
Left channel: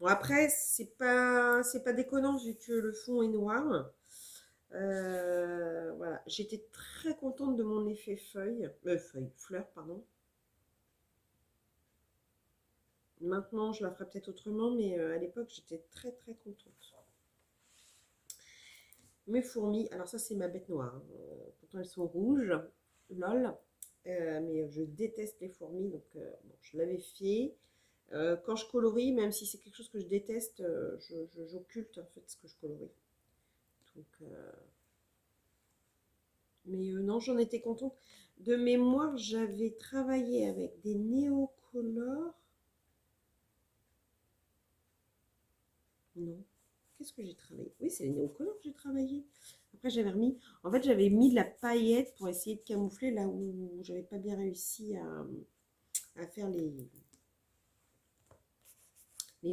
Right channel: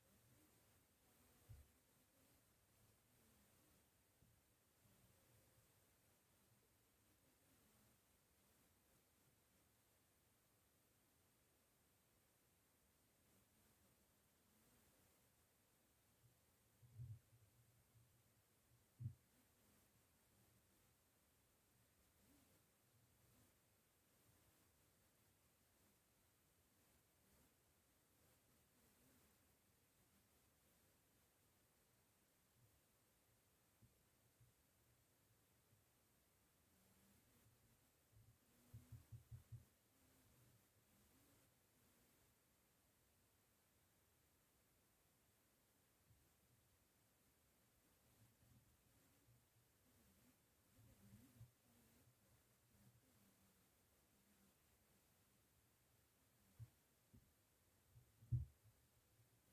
Bon après, c'est pas déconnant vu que le fond est noir. Voilà, j'étais très contente de mon effet fleur, pardon. Maintenant, je la ferai peut-être autrement, mais à l'époque, j'étais très très contente. Mes fourmis, alors ça, c'est ma bête noire. Hein. Pourtant, elles sont rouges, lol. Mais je déteste les fourmis, donc bon, je l'avais fait. Quand je colorie, même si c'est quelque chose que je déteste, j'occulte en fait ce que je colorie. Donc, mais non, j'en étais contente. De mémoire, j'avais travaillé avec des néocolores. Non. Qu'est-ce que j'ai travaillé? Oui, c'est les néocolores que j'ai travaillé. Après, j'avais remis. En fait, j'avais mis de la paillette pour essayer de camoufler là où j'avais pas bien réussi à faire les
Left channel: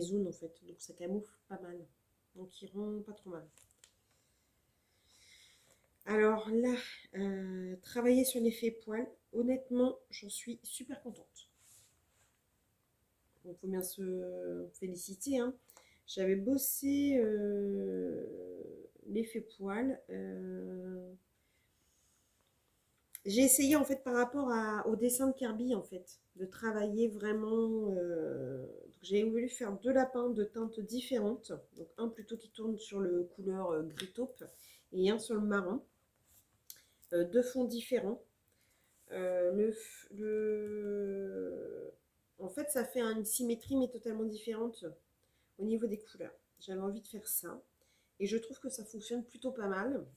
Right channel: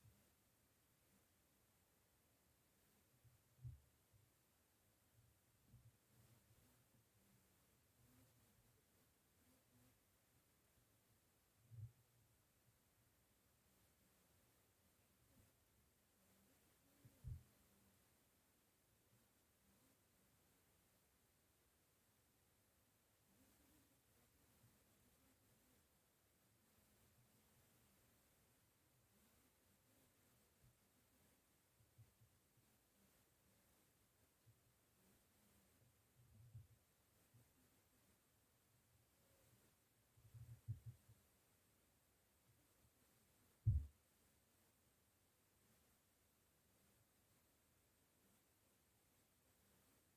zones en fait. Donc, ça camoufle pas mal. Donc, il rend pas trop mal. Alors là, travailler sur l'effet poil, honnêtement, j'en suis super contente. Il faut bien se féliciter. Hein. J'avais bossé l'effet poil. J'ai essayé en fait par rapport au dessin de Kirby en fait, de travailler vraiment. J'ai voulu faire deux lapins de teintes différentes. Donc un plutôt qui tourne sur le couleur gris taupe et un sur le marron. Deux fonds différents. En fait, ça fait une symétrie mais totalement différente au niveau des couleurs. J'avais envie de faire ça et je trouve que ça fonctionne plutôt pas mal.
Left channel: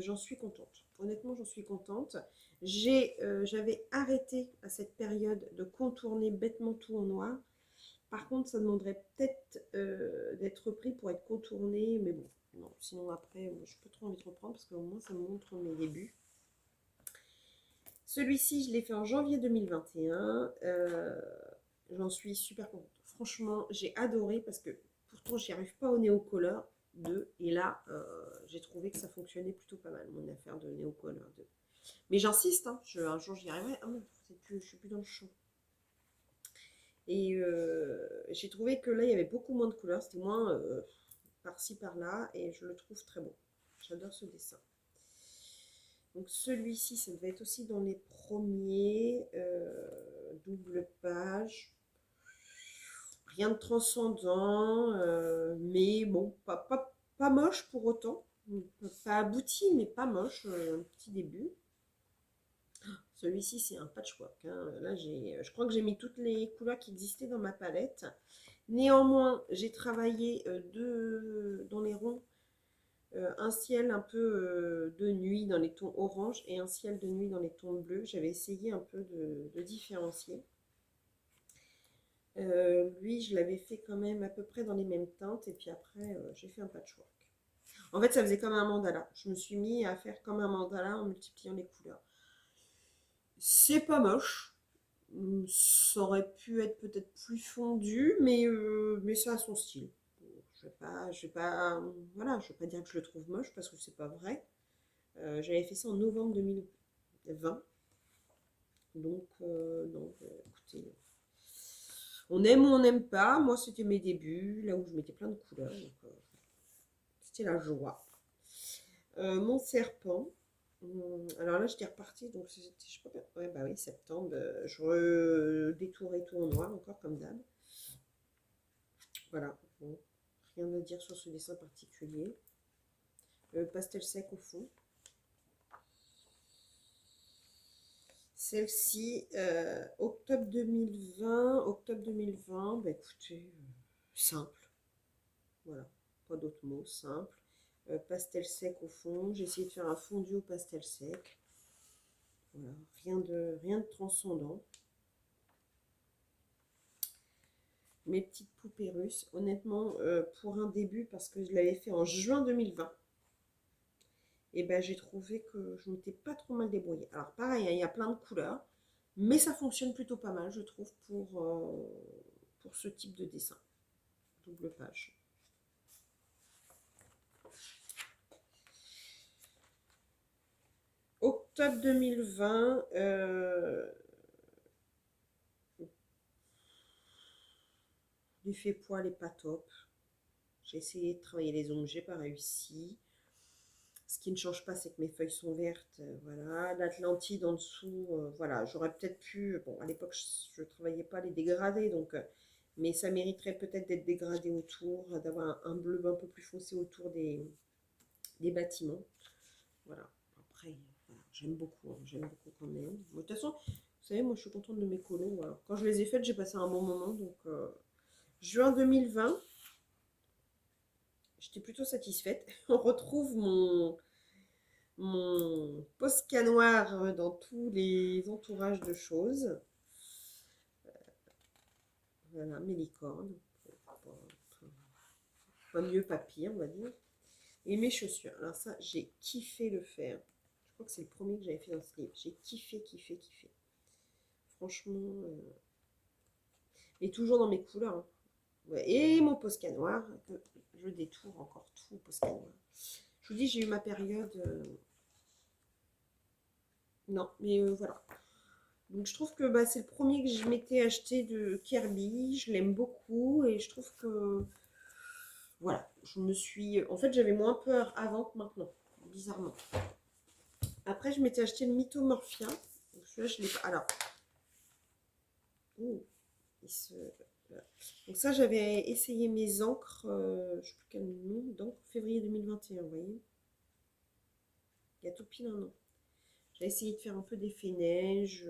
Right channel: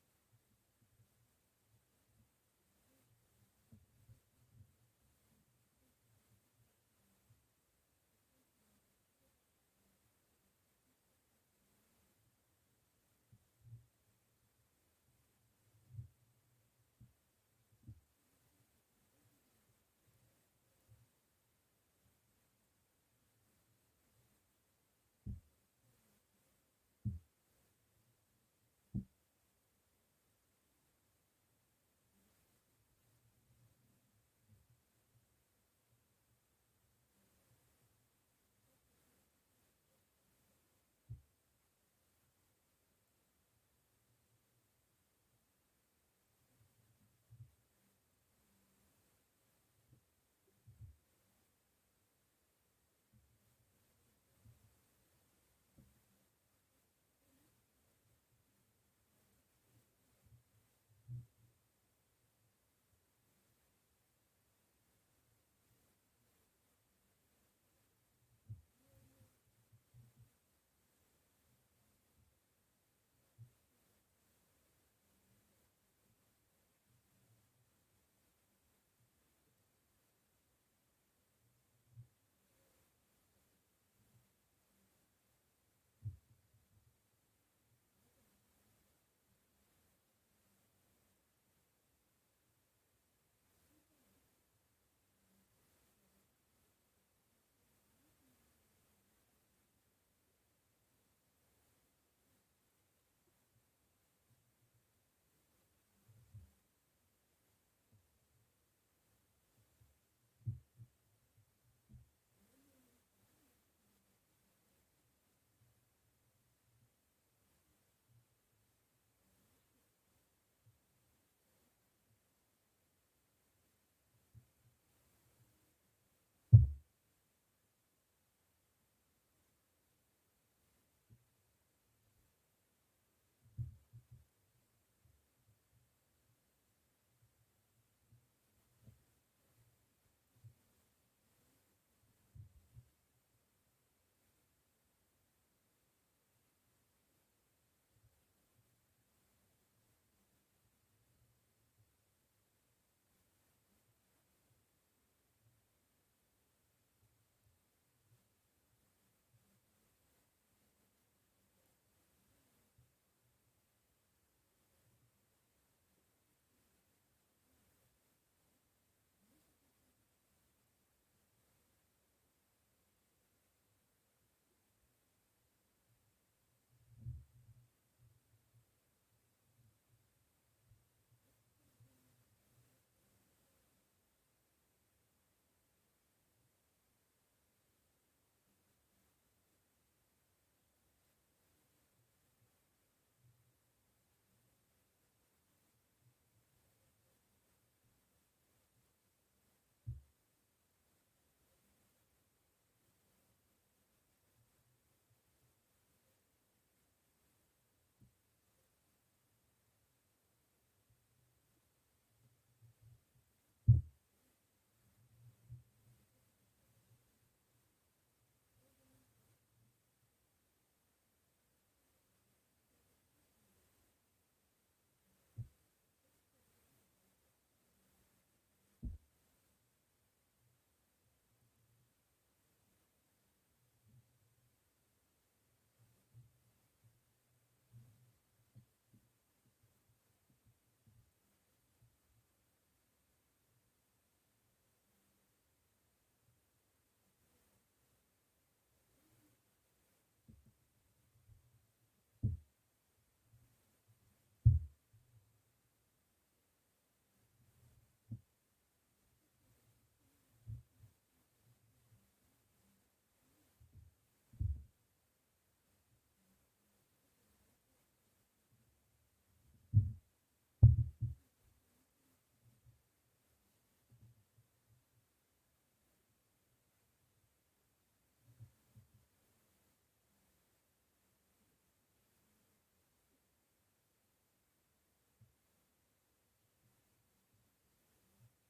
J'en suis contente. Honnêtement, j'en suis contente. J'avais arrêté à cette période de contourner bêtement tout en noir. Par contre, ça demanderait peut-être d'être repris pour être contourné, mais bon, non. Sinon après, je peux trop envie de reprendre parce qu'au moins ça me montre mes débuts. Celui-ci, je l'ai fait en janvier 2021. J'en suis super contente. Franchement, j'ai adoré parce que pourtant, j'y arrive pas au Neocolor 2. Et là, j'ai trouvé que ça fonctionnait plutôt pas mal, mon affaire de Neocolor 2. Mais j'insiste, hein, un jour j'y arriverai. Ah non, je suis plus dans le champ. Et j'ai trouvé que là, il y avait beaucoup moins de couleurs. C'était moins par-ci, par-là. Et je le trouve très beau. J'adore ce dessin. Donc celui-ci, ça devait être aussi dans les premiers. Double page. rien de transcendant, mais bon, pas moche pour autant. Pas abouti, mais pas moche, un petit début. Celui-ci, c'est un patchwork, hein. Là, je crois que j'ai mis toutes les couleurs qui existaient dans ma palette. Néanmoins, j'ai travaillé dans les ronds un ciel un peu de nuit dans les tons orange et un ciel de nuit dans les tons bleus. J'avais essayé un peu de différencier. Lui, je l'avais fait quand même à peu près dans les mêmes teintes et puis après, j'ai fait un patchwork. En fait, ça faisait comme un mandala. Je me suis mis à faire comme un mandala en multipliant les couleurs. C'est pas moche. Ça aurait pu être peut-être plus fondu, mais ça a son style. Voilà, je vais pas dire que je le trouve moche parce que c'est pas vrai. J'avais fait ça en novembre 2020. Donc, non, écoutez, on aime ou on n'aime pas. Moi, c'était mes débuts, là où je mettais plein de couleurs. Donc, c'était la joie. Mon serpent. Alors là, j'étais repartie, donc c'était, je sais pas, ouais, bah oui, septembre. Je détourais tout en noir, encore comme d'hab. Voilà, bon, rien à dire sur ce dessin particulier. Pastel sec au fond. Celle-ci, octobre 2020, bah écoutez, simple. Voilà, pas d'autres mots, simple. Pastel sec au fond. J'ai essayé de faire un fondu au pastel sec. Voilà, rien de transcendant. Mes petites poupées russes, honnêtement, pour un début, parce que je l'avais fait en juin 2020, et ben j'ai trouvé que je m'étais pas trop mal débrouillée. Alors pareil, hein, il y a plein de couleurs, mais ça fonctionne plutôt pas mal, je trouve, pour ce type de dessin. Double page. Octobre 2020, l'effet poil est pas top. J'ai essayé de travailler les ongles, j'ai pas réussi. Ce qui ne change pas, c'est que mes feuilles sont vertes. Voilà, l'Atlantide en dessous, voilà, j'aurais peut-être pu. Bon, à l'époque, je ne travaillais pas les dégradés, donc, mais ça mériterait peut-être d'être dégradé autour, d'avoir un bleu un peu plus foncé autour des bâtiments. Voilà, après, voilà, j'aime beaucoup quand même. De toute façon, vous savez, moi je suis contente de mes colos. Voilà. Quand je les ai faites, j'ai passé un bon moment, donc juin 2020. J'étais plutôt satisfaite. On retrouve mon Posca noir dans tous les entourages de choses. Voilà, mes licornes. Pas mieux, pas pire, on va dire. Et mes chaussures. Alors ça, j'ai kiffé le faire. Je crois que c'est le premier que j'avais fait dans ce livre. J'ai kiffé. Franchement. Et toujours dans mes couleurs. Hein. Ouais. Et mon Posca noir, que je détourne encore tout au Posca noir. Je vous dis, j'ai eu ma période... Non, mais voilà. Donc je trouve que bah, c'est le premier que je m'étais acheté de Kirby. Je l'aime beaucoup et je trouve que... Voilà, je me suis... En fait, j'avais moins peur avant que maintenant, bizarrement. Après, je m'étais acheté le Mythomorphia. Donc celui-là, je l'ai pas... Alors... Ouh, donc ça, j'avais essayé mes encres, je ne sais plus quel nom, d'encre, février 2021, vous voyez. Il y a tout pile un an. J'ai essayé de faire un peu d'effet neige,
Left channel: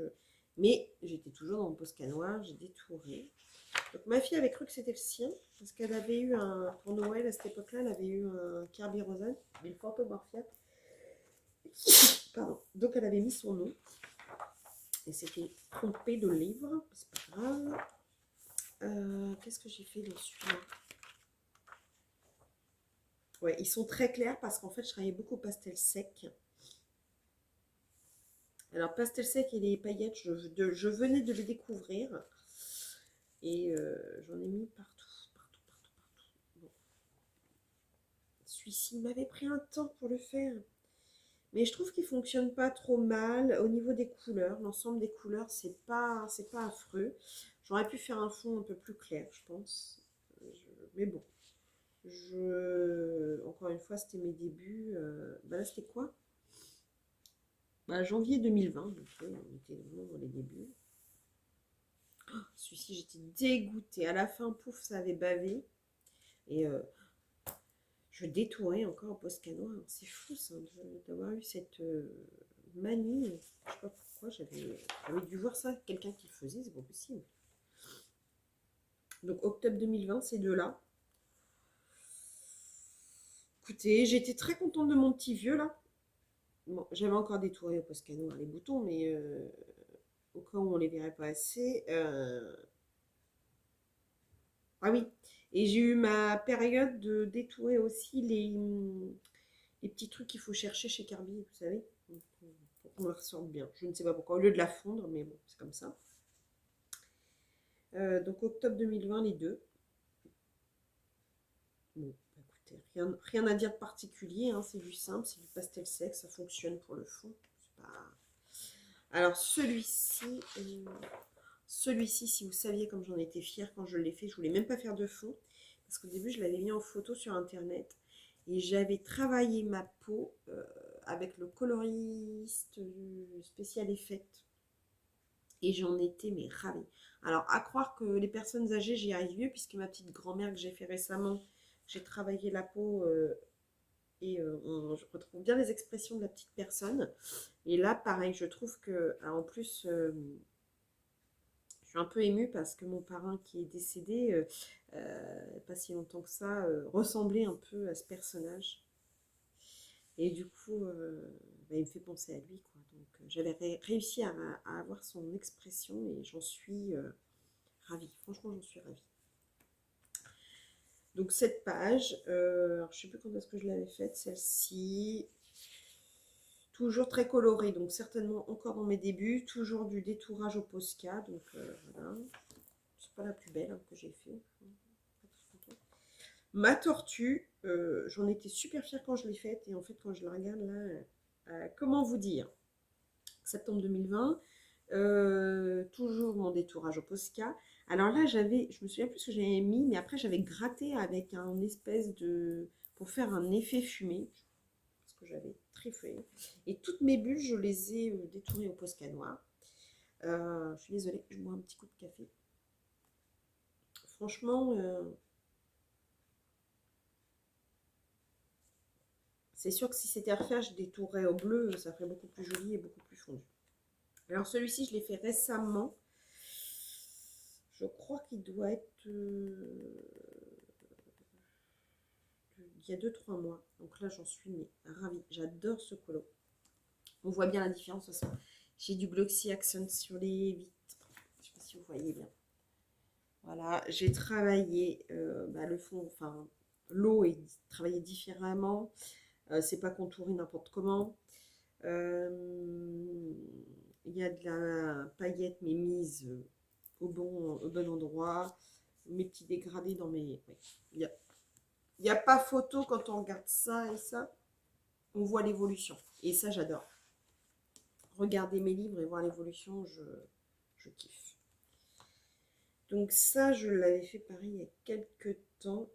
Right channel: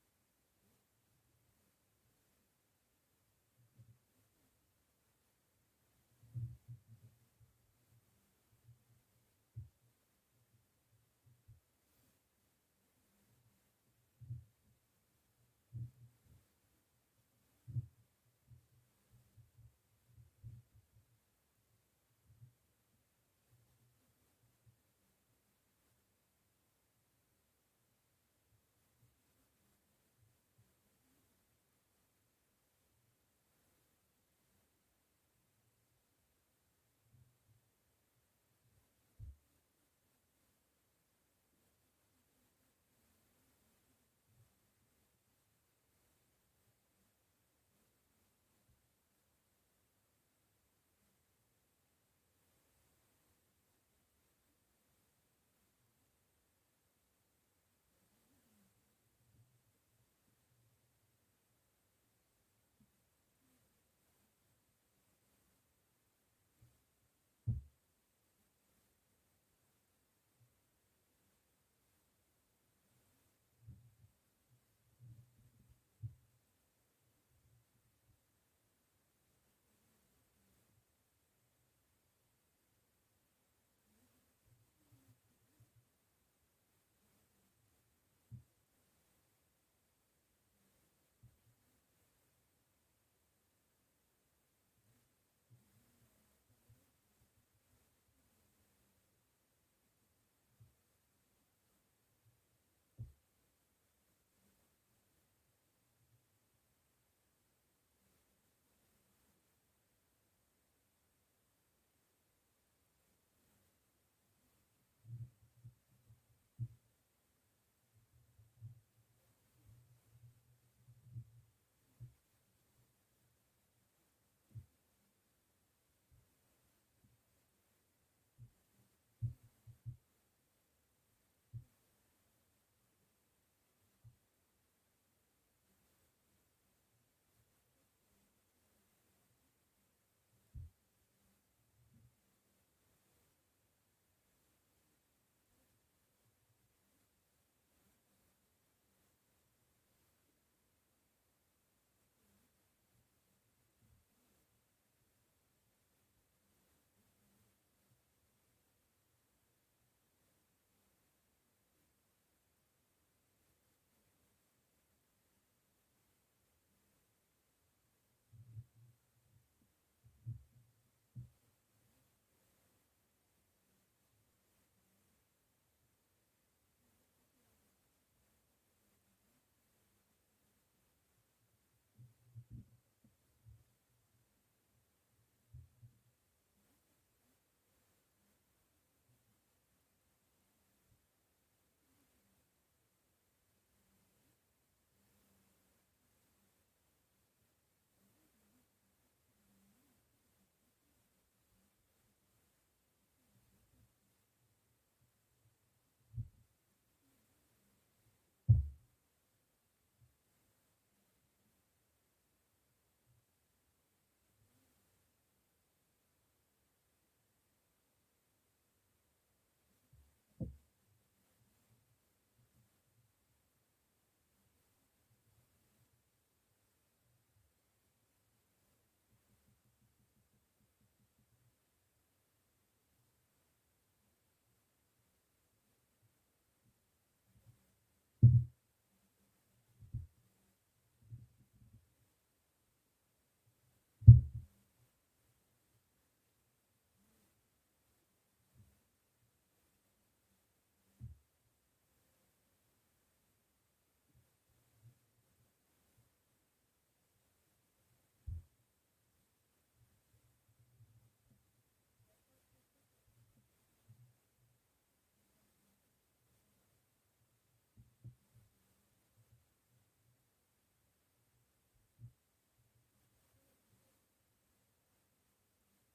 mais j'étais toujours dans mon Posca noir, j'ai détouré. Donc ma fille avait cru que c'était le sien, parce qu'elle avait eu pour Noël à cette époque-là, elle avait eu un Kirby Rosen, une Phantomorphia. Pardon. Donc elle avait mis son nom, et c'était trompé de livre, c'est pas grave. Qu'est-ce que j'ai fait dans celui-là? Ouais, ils sont très clairs parce qu'en fait, je travaillais beaucoup au pastel sec. Alors, pastel sec et les paillettes, je venais de les découvrir. Et j'en ai mis partout. Bon. Celui-ci m'avait pris un temps pour le faire. Mais je trouve qu'il fonctionne pas trop mal au niveau des couleurs. L'ensemble des couleurs, c'est pas affreux. J'aurais pu faire un fond un peu plus clair, je pense. Mais bon. Encore une fois, c'était mes débuts. Bah là, c'était quoi? Bah, janvier 2020, donc on était vraiment dans les débuts. Oh, Celui-ci, j'étais dégoûtée. À la fin, pouf, ça avait bavé. Et je détourais encore au Poscano. C'est fou, ça, d'avoir eu cette manie. Je sais pas pourquoi, j'avais dû voir ça, quelqu'un qui le faisait, c'est pas possible. Donc, octobre 2020, ces deux-là. Écoutez, j'étais très contente de mon petit vieux, là. Bon, j'avais encore détouré au Poscano, hein, les boutons, mais au cas où on les verrait pas assez. Ah oui, et j'ai eu ma période de détourer aussi les petits trucs qu'il faut chercher chez Carby, vous savez, pour qu'on la ressorte bien. Je ne sais pas pourquoi, au lieu de la fondre, mais bon, c'est comme ça. Donc octobre 2020, les deux. Bon, écoutez, rien à dire de particulier, hein, c'est du simple, c'est du pastel sec, ça fonctionne pour le fond. Pas... Alors celui-ci, si vous saviez comme j'en étais fière quand je l'ai fait, je voulais même pas faire de fond, parce qu'au début je l'avais mis en photo sur internet, et j'avais travaillé ma peau avec le coloriste spécial effect, et j'en étais mais ravie. Alors à croire que les personnes âgées j'y arrive mieux, puisque ma petite grand-mère que j'ai fait récemment, j'ai travaillé la peau et je retrouve bien les expressions de la petite personne. Et là pareil, je trouve que en plus je suis un peu émue parce que mon parrain qui est décédé, pas si longtemps que ça, ressemblait un peu à ce personnage. Et du coup, bah, il me fait penser à lui, quoi. Donc j'avais réussi à avoir son expression et j'en suis ravie. Franchement, j'en suis ravie. Donc cette page, alors, je ne sais plus quand est-ce que je l'avais faite, celle-ci. Toujours très colorée, donc certainement encore dans mes débuts. Toujours du détourage au Posca, donc voilà. C'est pas la plus belle hein, que j'ai fait. Ma tortue, j'en étais super fière quand je l'ai faite. Et en fait, quand je la regarde là, comment vous dire? Septembre 2020, toujours mon détourage au Posca. Alors là, je me souviens plus ce que j'avais mis, mais après, j'avais gratté avec un espèce de. Pour faire un effet fumé, parce que j'avais trifouillé. Et toutes mes bulles, je les ai détournées au Posca noir. Je suis désolée, je bois un petit coup de café. Franchement, c'est sûr que si c'était à refaire, je détourerais au bleu, ça ferait beaucoup plus joli et beaucoup plus fondu. Alors celui-ci, je l'ai fait récemment. Je crois qu'il doit être il y a 2-3 mois. Donc là, j'en suis mais ravie. J'adore ce colo. On voit bien la différence aussi. J'ai du Glossy Accent sur les vitres. Je ne sais pas si vous voyez bien. Voilà, j'ai travaillé le fond, enfin l'eau est travaillée différemment. C'est pas contouré n'importe comment. Il y a de la paillette mais mise au bon endroit. Mes petits dégradés dans mes... Il n'y a pas photo quand on regarde ça et ça. On voit l'évolution. Et ça, j'adore. Regarder mes livres et voir l'évolution, je kiffe. Donc ça, je l'avais fait pareil il y a quelques temps,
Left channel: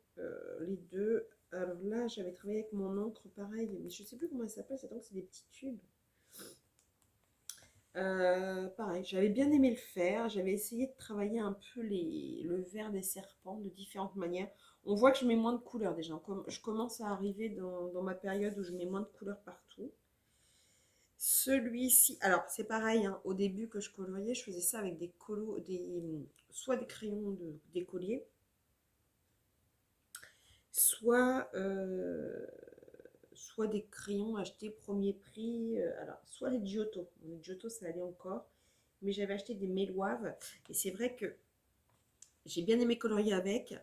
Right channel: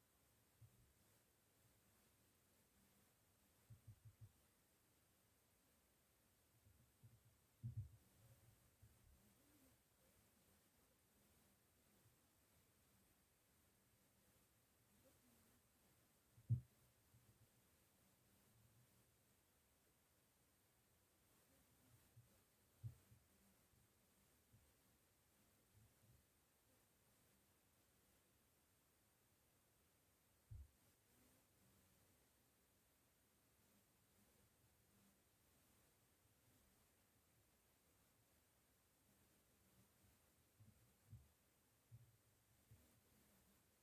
les deux. Alors là, j'avais travaillé avec mon encre pareil, mais je ne sais plus comment elle s'appelle, c'est des petits tubes. Pareil, j'avais bien aimé le faire. J'avais essayé de travailler un peu le vert des serpents de différentes manières. On voit que je mets moins de couleurs déjà. Je commence à arriver dans ma période où je mets moins de couleurs partout. Celui-ci, alors c'est pareil, hein, au début que je coloriais, je faisais ça avec soit des crayons d'écolier, soit, soit des crayons achetés premier prix. Alors, soit les Giotto. Les Giotto, ça allait encore. Mais j'avais acheté des Méloaves. Et c'est vrai que j'ai bien aimé colorier avec.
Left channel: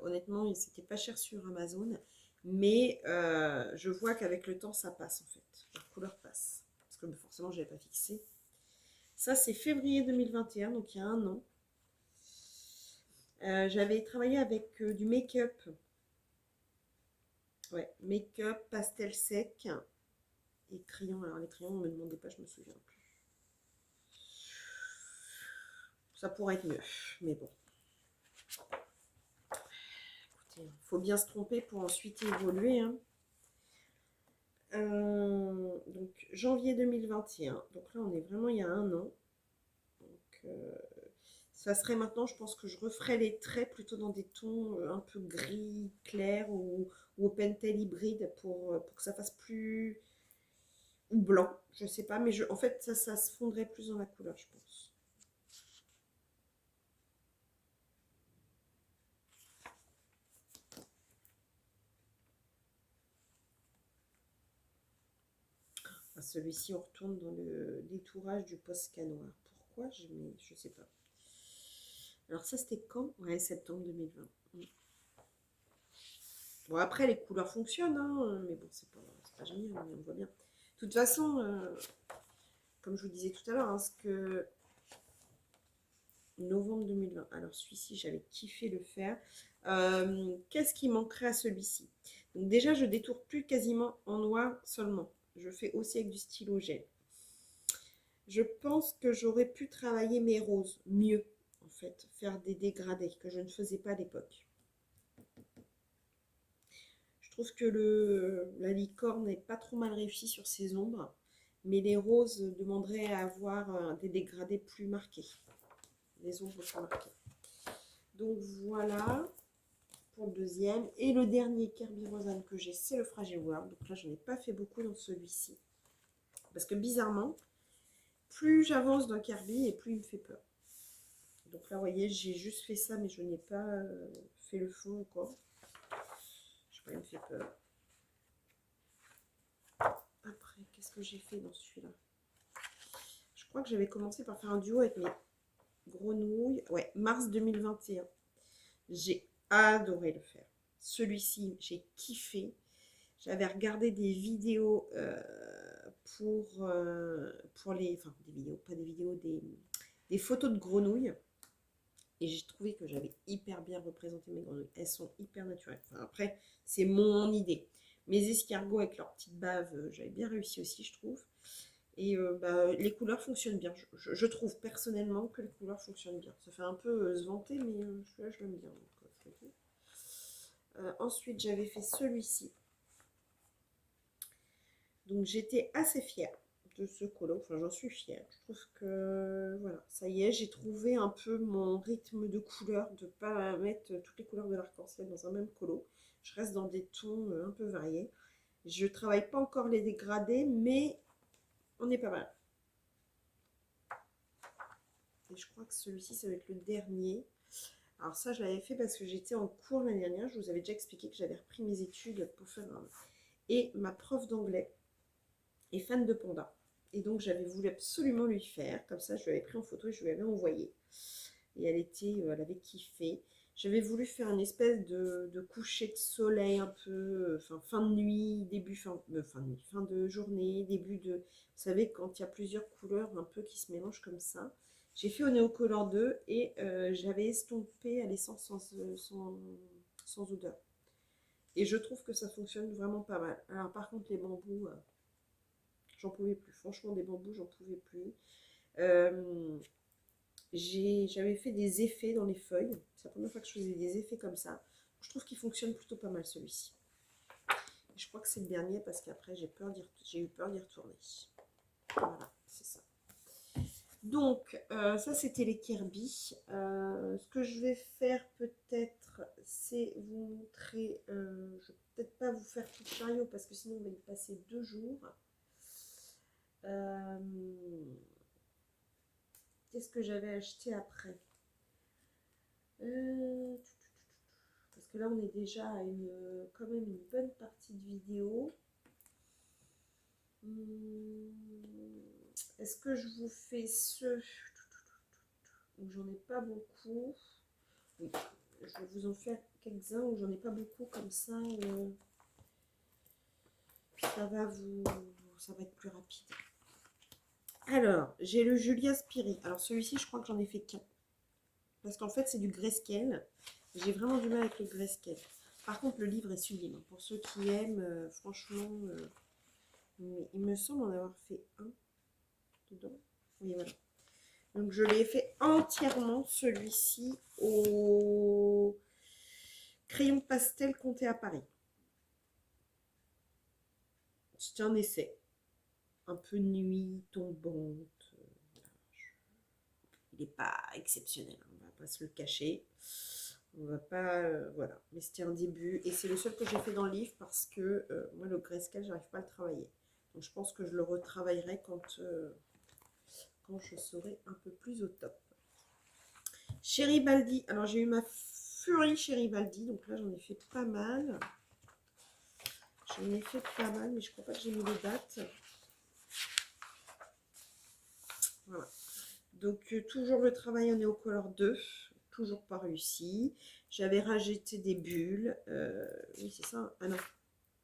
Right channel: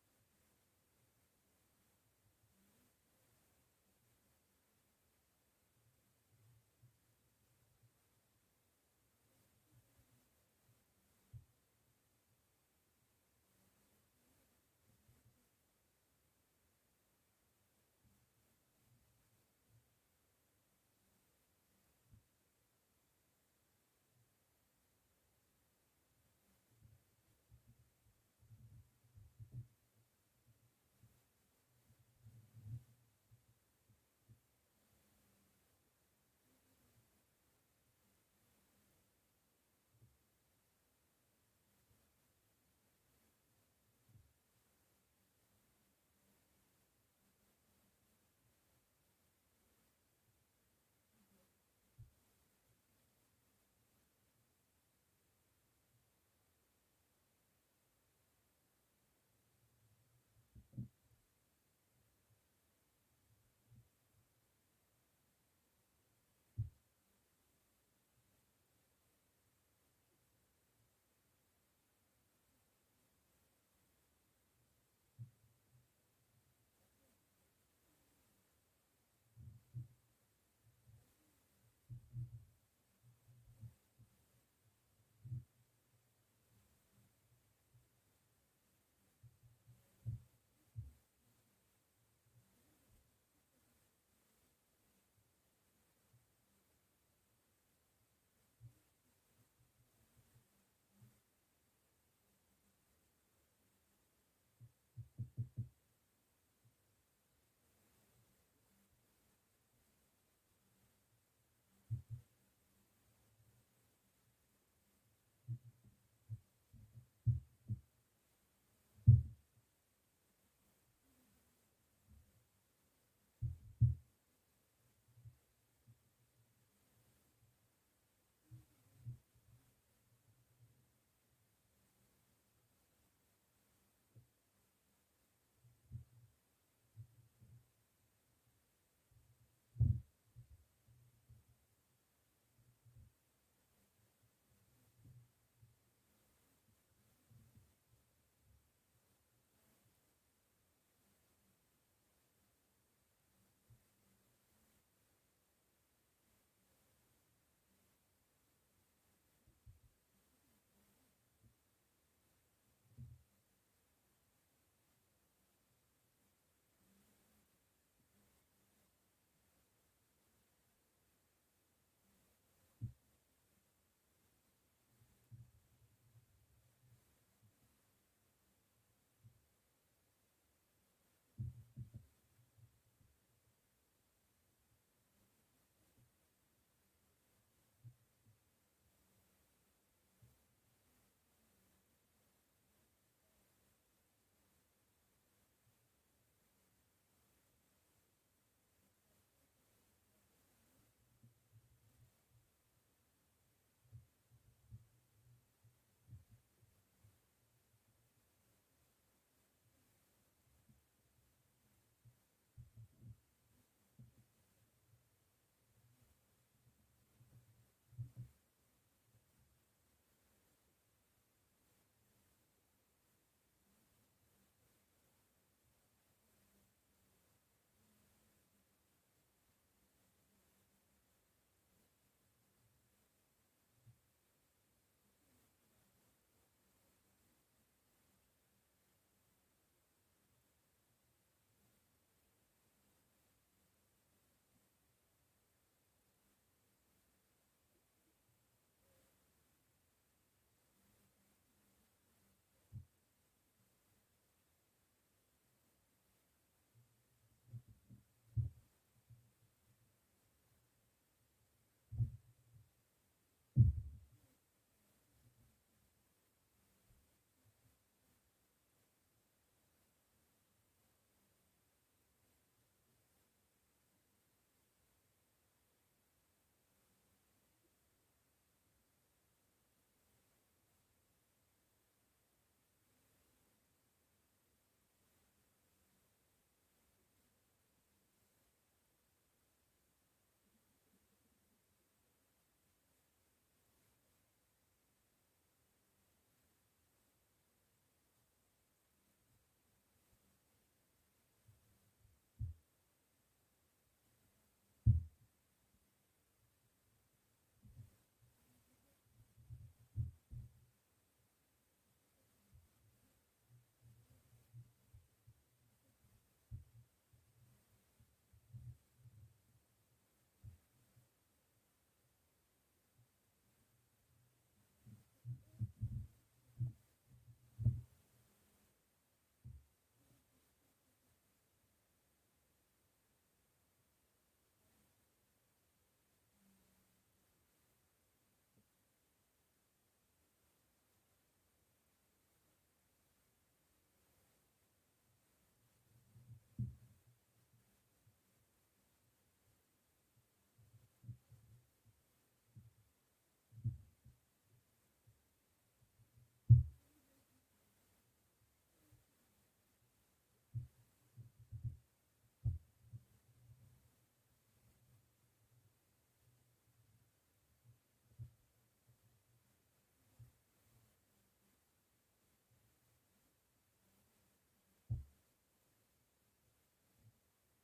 Honnêtement, c'était pas cher sur Amazon. Mais je vois qu'avec le temps, ça passe en fait. La couleur passe. Parce que forcément, je n'avais pas fixé. Ça, c'est février 2021, donc il y a un an. J'avais travaillé avec du make-up. Ouais, make-up, pastel sec et crayon. Alors les crayons, ne me demandez pas, je me souviens plus. Ça pourrait être mieux, mais bon. Écoutez, il faut bien se tromper pour ensuite évoluer. Hein. Donc janvier 2021. Donc là, on est vraiment il y a un an. Donc Ça serait maintenant, je pense que je referais les traits plutôt dans des tons un peu gris, clair ou au pentel hybride pour que ça fasse plus... ou blanc, je sais pas, mais en fait, ça se fondrait plus dans la couleur, je pense. Celui-ci, on retourne dans le détourage du Posca noir. Pourquoi je sais pas. Alors ça, c'était quand? Ouais, septembre 2020. Bon, après, les couleurs fonctionnent, hein, mais bon, c'est pas génial, on voit bien. De toute façon, comme je vous disais tout à l'heure, hein, ce que novembre 2020. Alors celui-ci, j'avais kiffé le faire. Qu'est-ce qui manquerait à celui-ci? Donc déjà, je détourne plus quasiment en noir seulement. Je fais aussi avec du stylo gel. Je pense que j'aurais pu travailler mes roses mieux, en fait, faire des dégradés que je ne faisais pas à l'époque. Je trouve que la licorne n'est pas trop mal réussi sur ses ombres, mais les roses demanderaient à avoir des dégradés plus marqués, des ombres plus marquées. Donc voilà pour le deuxième. Et le dernier Kirby Rosanne que j'ai, c'est le Fragile World. Donc là, je n'ai pas fait beaucoup dans celui-ci. Parce que bizarrement, plus j'avance dans Kirby et plus il me fait peur. Donc là, vous voyez, j'ai juste fait ça, mais je n'ai pas fait le fond encore. Je sais pas, il me fait peur. Après, qu'est-ce que j'ai fait dans celui-là? Je crois que j'avais commencé par faire un duo avec mes grenouilles. Ouais, mars 2021. J'ai adoré le faire. Celui-ci, j'ai kiffé. J'avais regardé des vidéos pour les... Enfin, des vidéos, pas des vidéos, des photos de grenouilles. Et j'ai trouvé que j'avais hyper bien représenté mes grenouilles. Elles sont hyper naturelles. Enfin, après, c'est mon idée. Mes escargots avec leurs petites baves, j'avais bien réussi aussi, je trouve. Et les couleurs fonctionnent bien. Je trouve personnellement que les couleurs fonctionnent bien. Ça fait un peu se vanter, mais celui-là, je l'aime bien. Ensuite, j'avais fait celui-ci. Donc, j'étais assez fière de ce colo. Enfin, j'en suis fière. Je trouve que, voilà, ça y est, j'ai trouvé un peu mon rythme de couleurs, de ne pas mettre toutes les couleurs de l'arc-en-ciel dans un même colo. Je reste dans des tons un peu variés. Je ne travaille pas encore les dégradés, mais on est pas mal. Et je crois que celui-ci, ça va être le dernier. Alors ça, je l'avais fait parce que j'étais en cours l'année dernière. Je vous avais déjà expliqué que j'avais repris mes études pour faire un... Et ma prof d'anglais est fan de panda. Et donc, j'avais voulu absolument lui faire. Comme ça, je lui avais pris en photo et je lui avais envoyé. Et elle avait kiffé. J'avais voulu faire une espèce de coucher de soleil un peu, fin de nuit, fin de journée, début de... Vous savez, quand il y a plusieurs couleurs un peu qui se mélangent comme ça. J'ai fait au Néocolor 2 et j'avais estompé à l'essence sans odeur. Et je trouve que ça fonctionne vraiment pas mal. Alors par contre, les bambous, j'en pouvais plus. Franchement, des bambous, j'en pouvais plus. J'avais fait des effets dans les feuilles. C'est la première fois que je faisais des effets comme ça. Je trouve qu'il fonctionne plutôt pas mal celui-ci. Je crois que c'est le dernier parce qu'après j'ai eu peur d'y retourner. Voilà, c'est ça. Donc, ça c'était les Kirby. Ce que je vais faire peut-être, c'est vous montrer... je vais peut-être pas vous faire tout le chariot parce que sinon on va y passer 2 jours. Qu'est-ce que j'avais acheté après? Parce que là on est déjà à quand même une bonne partie de vidéo. Est-ce que je vous fais ceux où j'en ai pas beaucoup? Oui, je vais vous en faire quelques-uns où j'en ai pas beaucoup, comme ça ça va être plus rapide. Alors, j'ai le Julia Spiri. Alors celui-ci, je crois que j'en ai fait qu'un. Parce qu'en fait, c'est du grayscale. J'ai vraiment du mal avec le grayscale. Par contre, le livre est sublime. Pour ceux qui aiment, franchement, il me semble en avoir fait un dedans. Oui, voilà. Donc, je l'ai fait entièrement, celui-ci, au crayon pastel compté à Paris. C'était un essai. Un peu nuit, tombante. Il n'est pas exceptionnel. pas se le cacher. On va pas, voilà. Mais c'était un début et c'est le seul que j'ai fait dans le livre parce que moi le grayscale, j'arrive pas à le travailler. Donc je pense que je le retravaillerai quand je serai un peu plus au top. Chéribaldi, alors j'ai eu ma furie Chéribaldi, donc là j'en ai fait pas mal. J'en ai fait pas mal, mais je crois pas que j'ai mis les dates. Voilà. Donc toujours le travail en Neocolor 2, toujours pas réussi. J'avais rajouté des bulles. Oui, c'est ça. Ah non.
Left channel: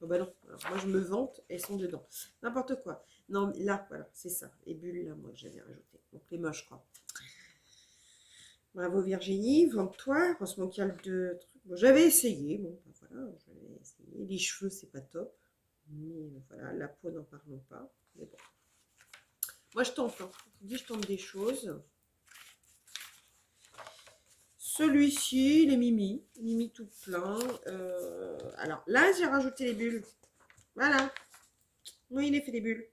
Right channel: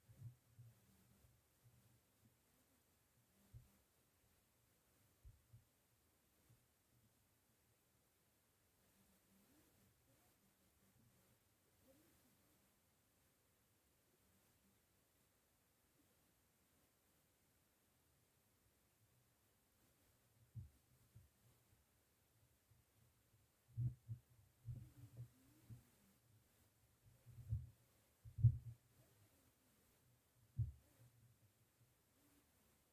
Oh bah non. Alors, moi je me vante, elles sont dedans. N'importe quoi. Non, là, voilà, c'est ça. Les bulles là, moi que j'avais rajouté. Donc les moches, quoi. Bravo Virginie, vante-toi. Heureusement qu'il y a le deux trucs. Bon, j'avais essayé. Bon, ben voilà, j'avais essayé. Les cheveux, c'est pas top. Mais voilà, la peau, n'en parlons pas. Mais bon. Moi, je tente. Hein. Je dis, je tente des choses. Celui-ci, il est Mimi. Mimi tout plein. Alors là, j'ai rajouté les bulles. Voilà. Oui, il est fait des bulles.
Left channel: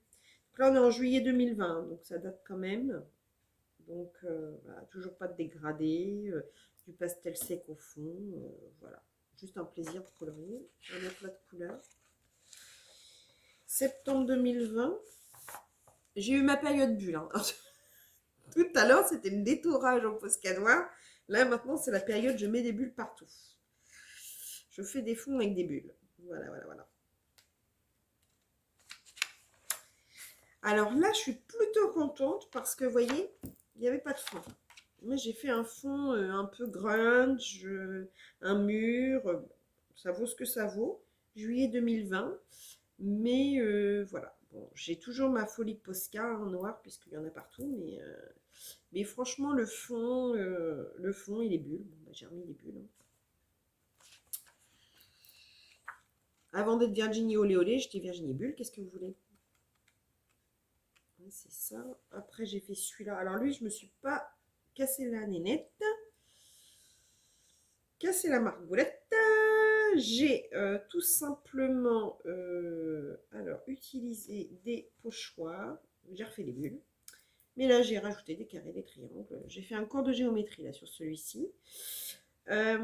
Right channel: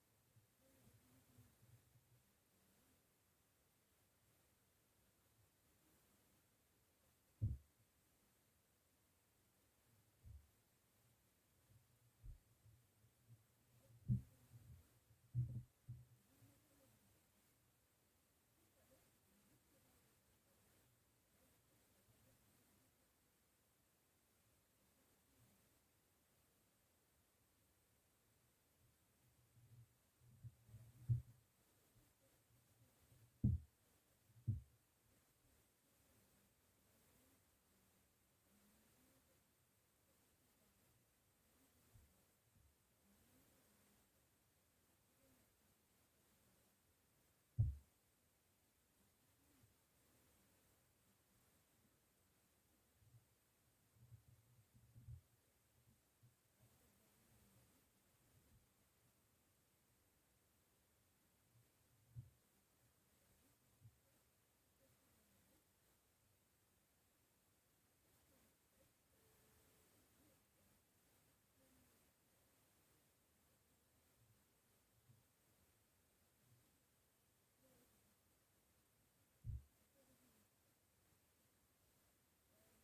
Donc là, on est en juillet 2020. Donc ça date quand même. Donc voilà, toujours pas de dégradé. Du pastel sec au fond. Voilà. Juste un plaisir de colorier. Un aplat de couleur. Septembre 2020. J'ai eu ma période bulle. Hein. Tout à l'heure, c'était le détourage au Posca noir. Là, maintenant, c'est la période, je mets des bulles partout. Je fais des fonds avec des bulles. Voilà, voilà, voilà. Alors là, je suis plutôt contente parce que, vous voyez, il n'y avait pas de fond. Moi, j'ai fait un fond un peu grunge, un mur. Ça vaut ce que ça vaut. Juillet 2020. Mais voilà. Bon, j'ai toujours ma folie Posca en noir, puisqu'il y en a partout. Mais franchement, le fond, il est bulle. Bon, bah, j'ai remis les bulles. Hein. Avant d'être Virginie Olé Olé, j'étais Virginie Bulle. Qu'est-ce que vous voulez? C'est ça. Après, j'ai fait celui-là. Alors lui, je me suis pas cassé la nénette. Cassé la margoulette. J'ai tout simplement alors utilisé des pochoirs. J'ai refait les bulles. Mais là, j'ai rajouté des carrés, des triangles. J'ai fait un cours de géométrie là sur celui-ci. Alors,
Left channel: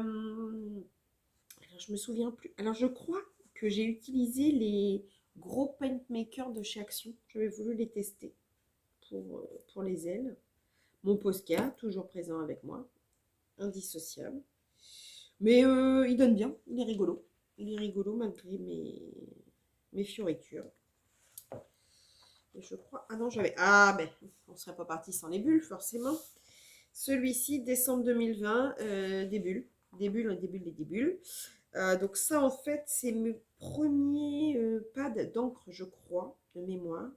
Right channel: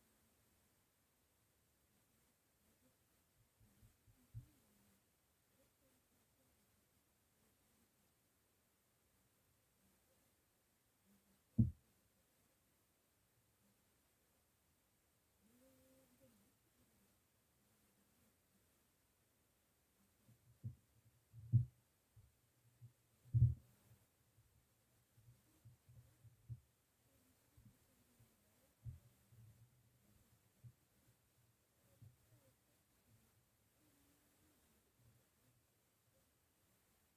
je me souviens plus. Alors, je crois que j'ai utilisé les gros paint makers de chez Action. J'avais voulu les tester pour les ailes. Mon Posca, toujours présent avec moi. Indissociable. Mais il donne bien. Il est rigolo. Il est rigolo malgré mes fioritures. Et je crois... Ah non, j'avais... Ah, ben, on ne serait pas parti sans les bulles, forcément. Celui-ci, décembre 2020, des bulles. Des bulles, des bulles et des bulles. Donc ça, en fait, c'est mes premiers pads d'encre, je crois, de mémoire.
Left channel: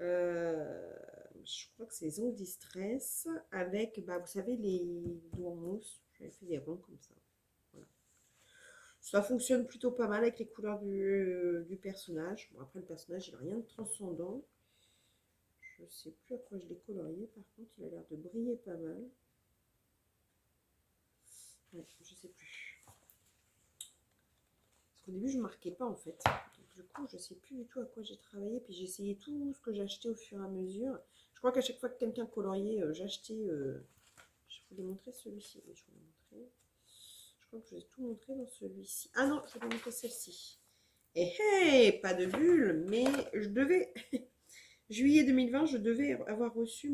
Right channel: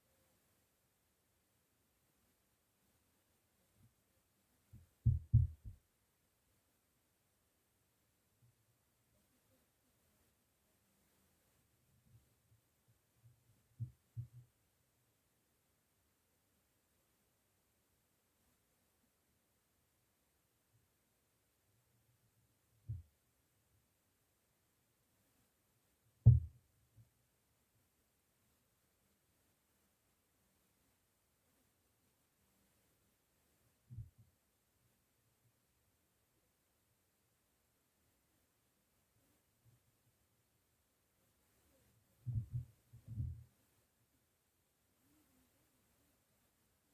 Je crois que c'est Zone Distress avec, bah, vous savez, les doigts en mousse. J'avais fait des ronds comme ça. Voilà. Ça fonctionne plutôt pas mal avec les couleurs du personnage. Bon, après, le personnage, il n'a rien de transcendant. Je ne sais plus à quoi je l'ai colorié. Par contre, il a l'air de briller pas mal. Ouais, je sais plus. Parce qu'au début, je ne marquais pas en fait. Donc, du coup, je ne sais plus du tout à quoi j'ai travaillé. Puis j'ai essayé tout ce que j'achetais au fur et à mesure. Je crois qu'à chaque fois que quelqu'un coloriait, j'achetais. Je vous l'ai montré celui-ci. Oui, je vous l'ai montré. Je crois que je vous ai tout montré dans celui-ci. Ah non, je vais vous montrer celle-ci. Et hey, pas de bulle, mais je devais. Juillet 2020, je devais avoir reçu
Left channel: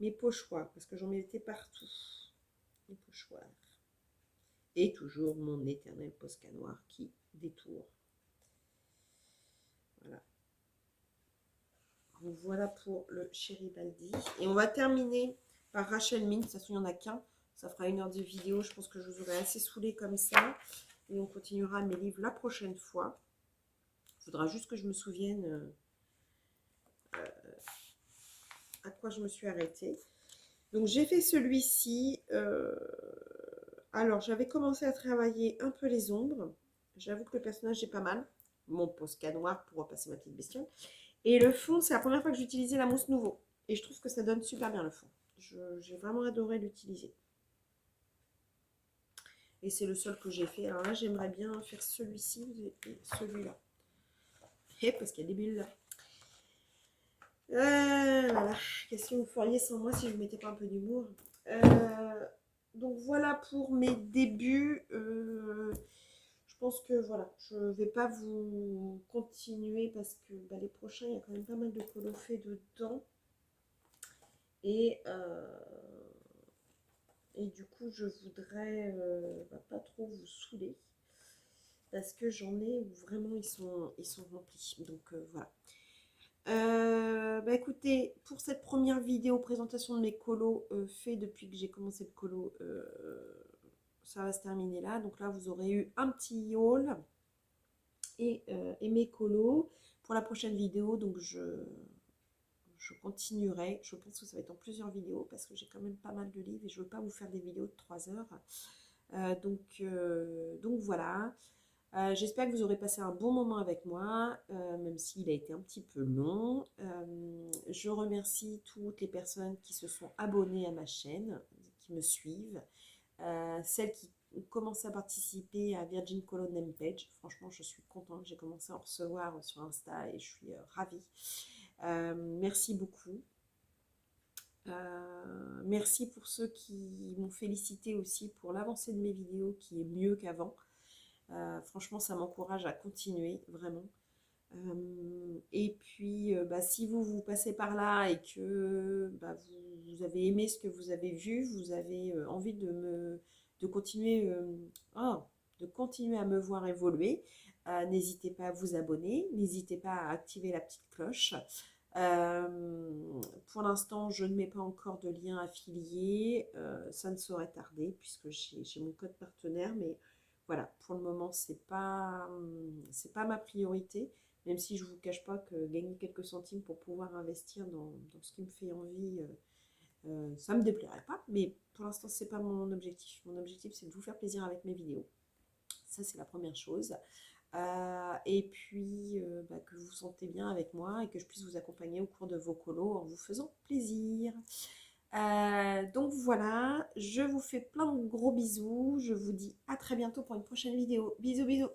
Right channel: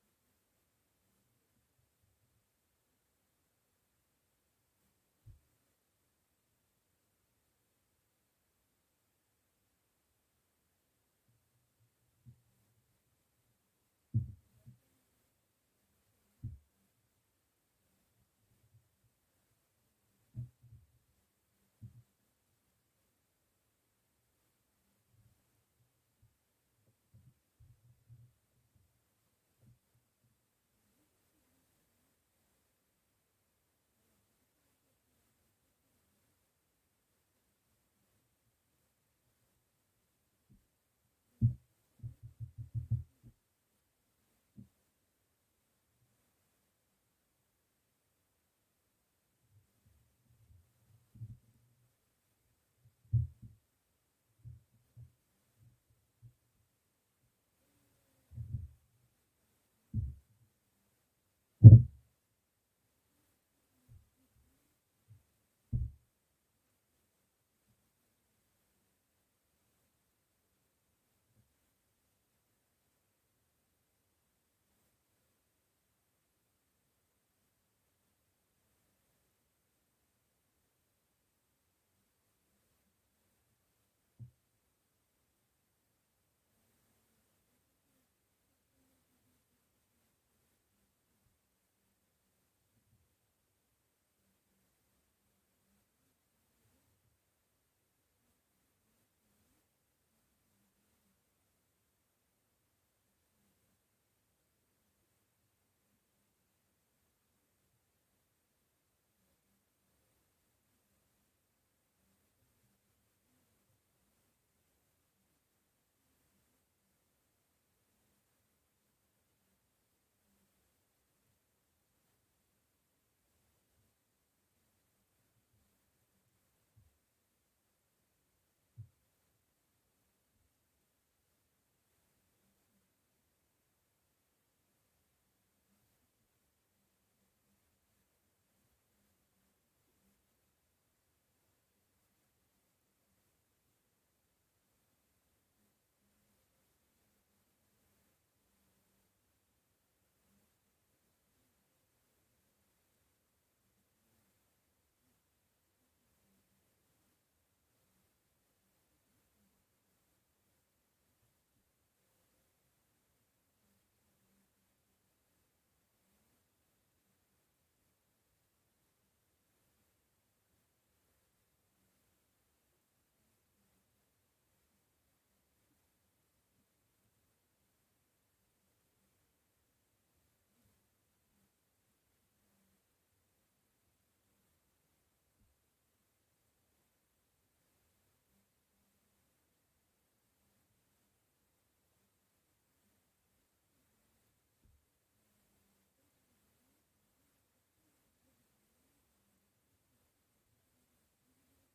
mes pochoirs parce que j'en mettais partout. Les pochoirs. Et toujours mon éternel Posca noir qui détourne. Voilà. Donc voilà pour le Chéribaldi. Et on va terminer par Rachel Mint. De toute façon, il n'y en a qu'un. Ça fera 1 heure de vidéo. Je pense que je vous aurai assez saoulé comme ça. Et on continuera mes livres la prochaine fois. Il faudra juste que je me souvienne à quoi je me suis arrêtée. Donc j'ai fait celui-ci. Alors j'avais commencé à travailler un peu les ombres. J'avoue que le personnage est pas mal. Mon Posca noir pour repasser ma petite bestiole. Et le fond, c'est la première fois que j'utilisais la mousse nouveau. Et je trouve que ça donne super bien le fond. J'ai vraiment adoré l'utiliser. Et c'est le seul que j'ai fait. Alors là, j'aimerais bien faire celui-ci et celui-là. Et parce qu'il y a des bulles là. Voilà. Qu'est-ce que vous feriez sans moi si je ne mettais pas un peu d'humour? Donc voilà pour mes débuts. Je pense que voilà, je ne vais pas vous continuer parce que bah, les prochains, il y a quand même pas mal de colos faits dedans. Et, et du coup, je voudrais bah, pas trop vous saouler parce que j'en ai où vraiment ils sont remplis. Donc voilà. Bah écoutez, pour cette première vidéo présentation de mes colos fait depuis que j'ai commencé le colo, ça va se terminer là. Donc là, vous aurez eu un petit haul et mes colos. Pour la prochaine vidéo, donc je continuerai. Je pense que ça va être en plusieurs vidéos parce que j'ai quand même pas mal de livres et je ne veux pas vous faire des vidéos de 3 heures. Donc voilà. J'espère que vous aurez passé un bon moment avec moi, même s'il a été un petit peu long. Je remercie toutes les personnes qui se sont abonnées à ma chaîne, qui me suivent, celles qui ont commencé à participer à Virgin Colo Name Page. Franchement, je suis contente. J'ai commencé à en recevoir sur Insta et je suis ravie. Merci beaucoup. Merci pour ceux qui m'ont félicité aussi pour l'avancée de mes vidéos qui est mieux qu'avant. Franchement, ça m'encourage à continuer, vraiment. Et puis, bah, si vous passez par là et que bah, vous avez aimé ce que vous avez vu, vous avez envie de continuer, de continuer à me voir évoluer, n'hésitez pas à vous abonner, n'hésitez pas à activer la petite cloche. Pour l'instant, je ne mets pas encore de lien affilié, ça ne saurait tarder puisque j'ai mon code partenaire, mais voilà, pour le moment, c'est pas ma priorité, même si je ne vous cache pas que gagner quelques centimes pour pouvoir investir dans ce qui me fait envie, ça ne me déplairait pas, mais pour l'instant, ce n'est pas mon objectif. Mon objectif, c'est de vous faire plaisir avec mes vidéos. Ça, c'est la première chose. Et puis, bah, que vous vous sentez bien avec moi et que je puisse vous accompagner au cours de vos colos en vous faisant plaisir. Donc voilà, je vous fais plein de gros bisous. Je vous dis à très bientôt pour une prochaine vidéo. Bisous, bisous.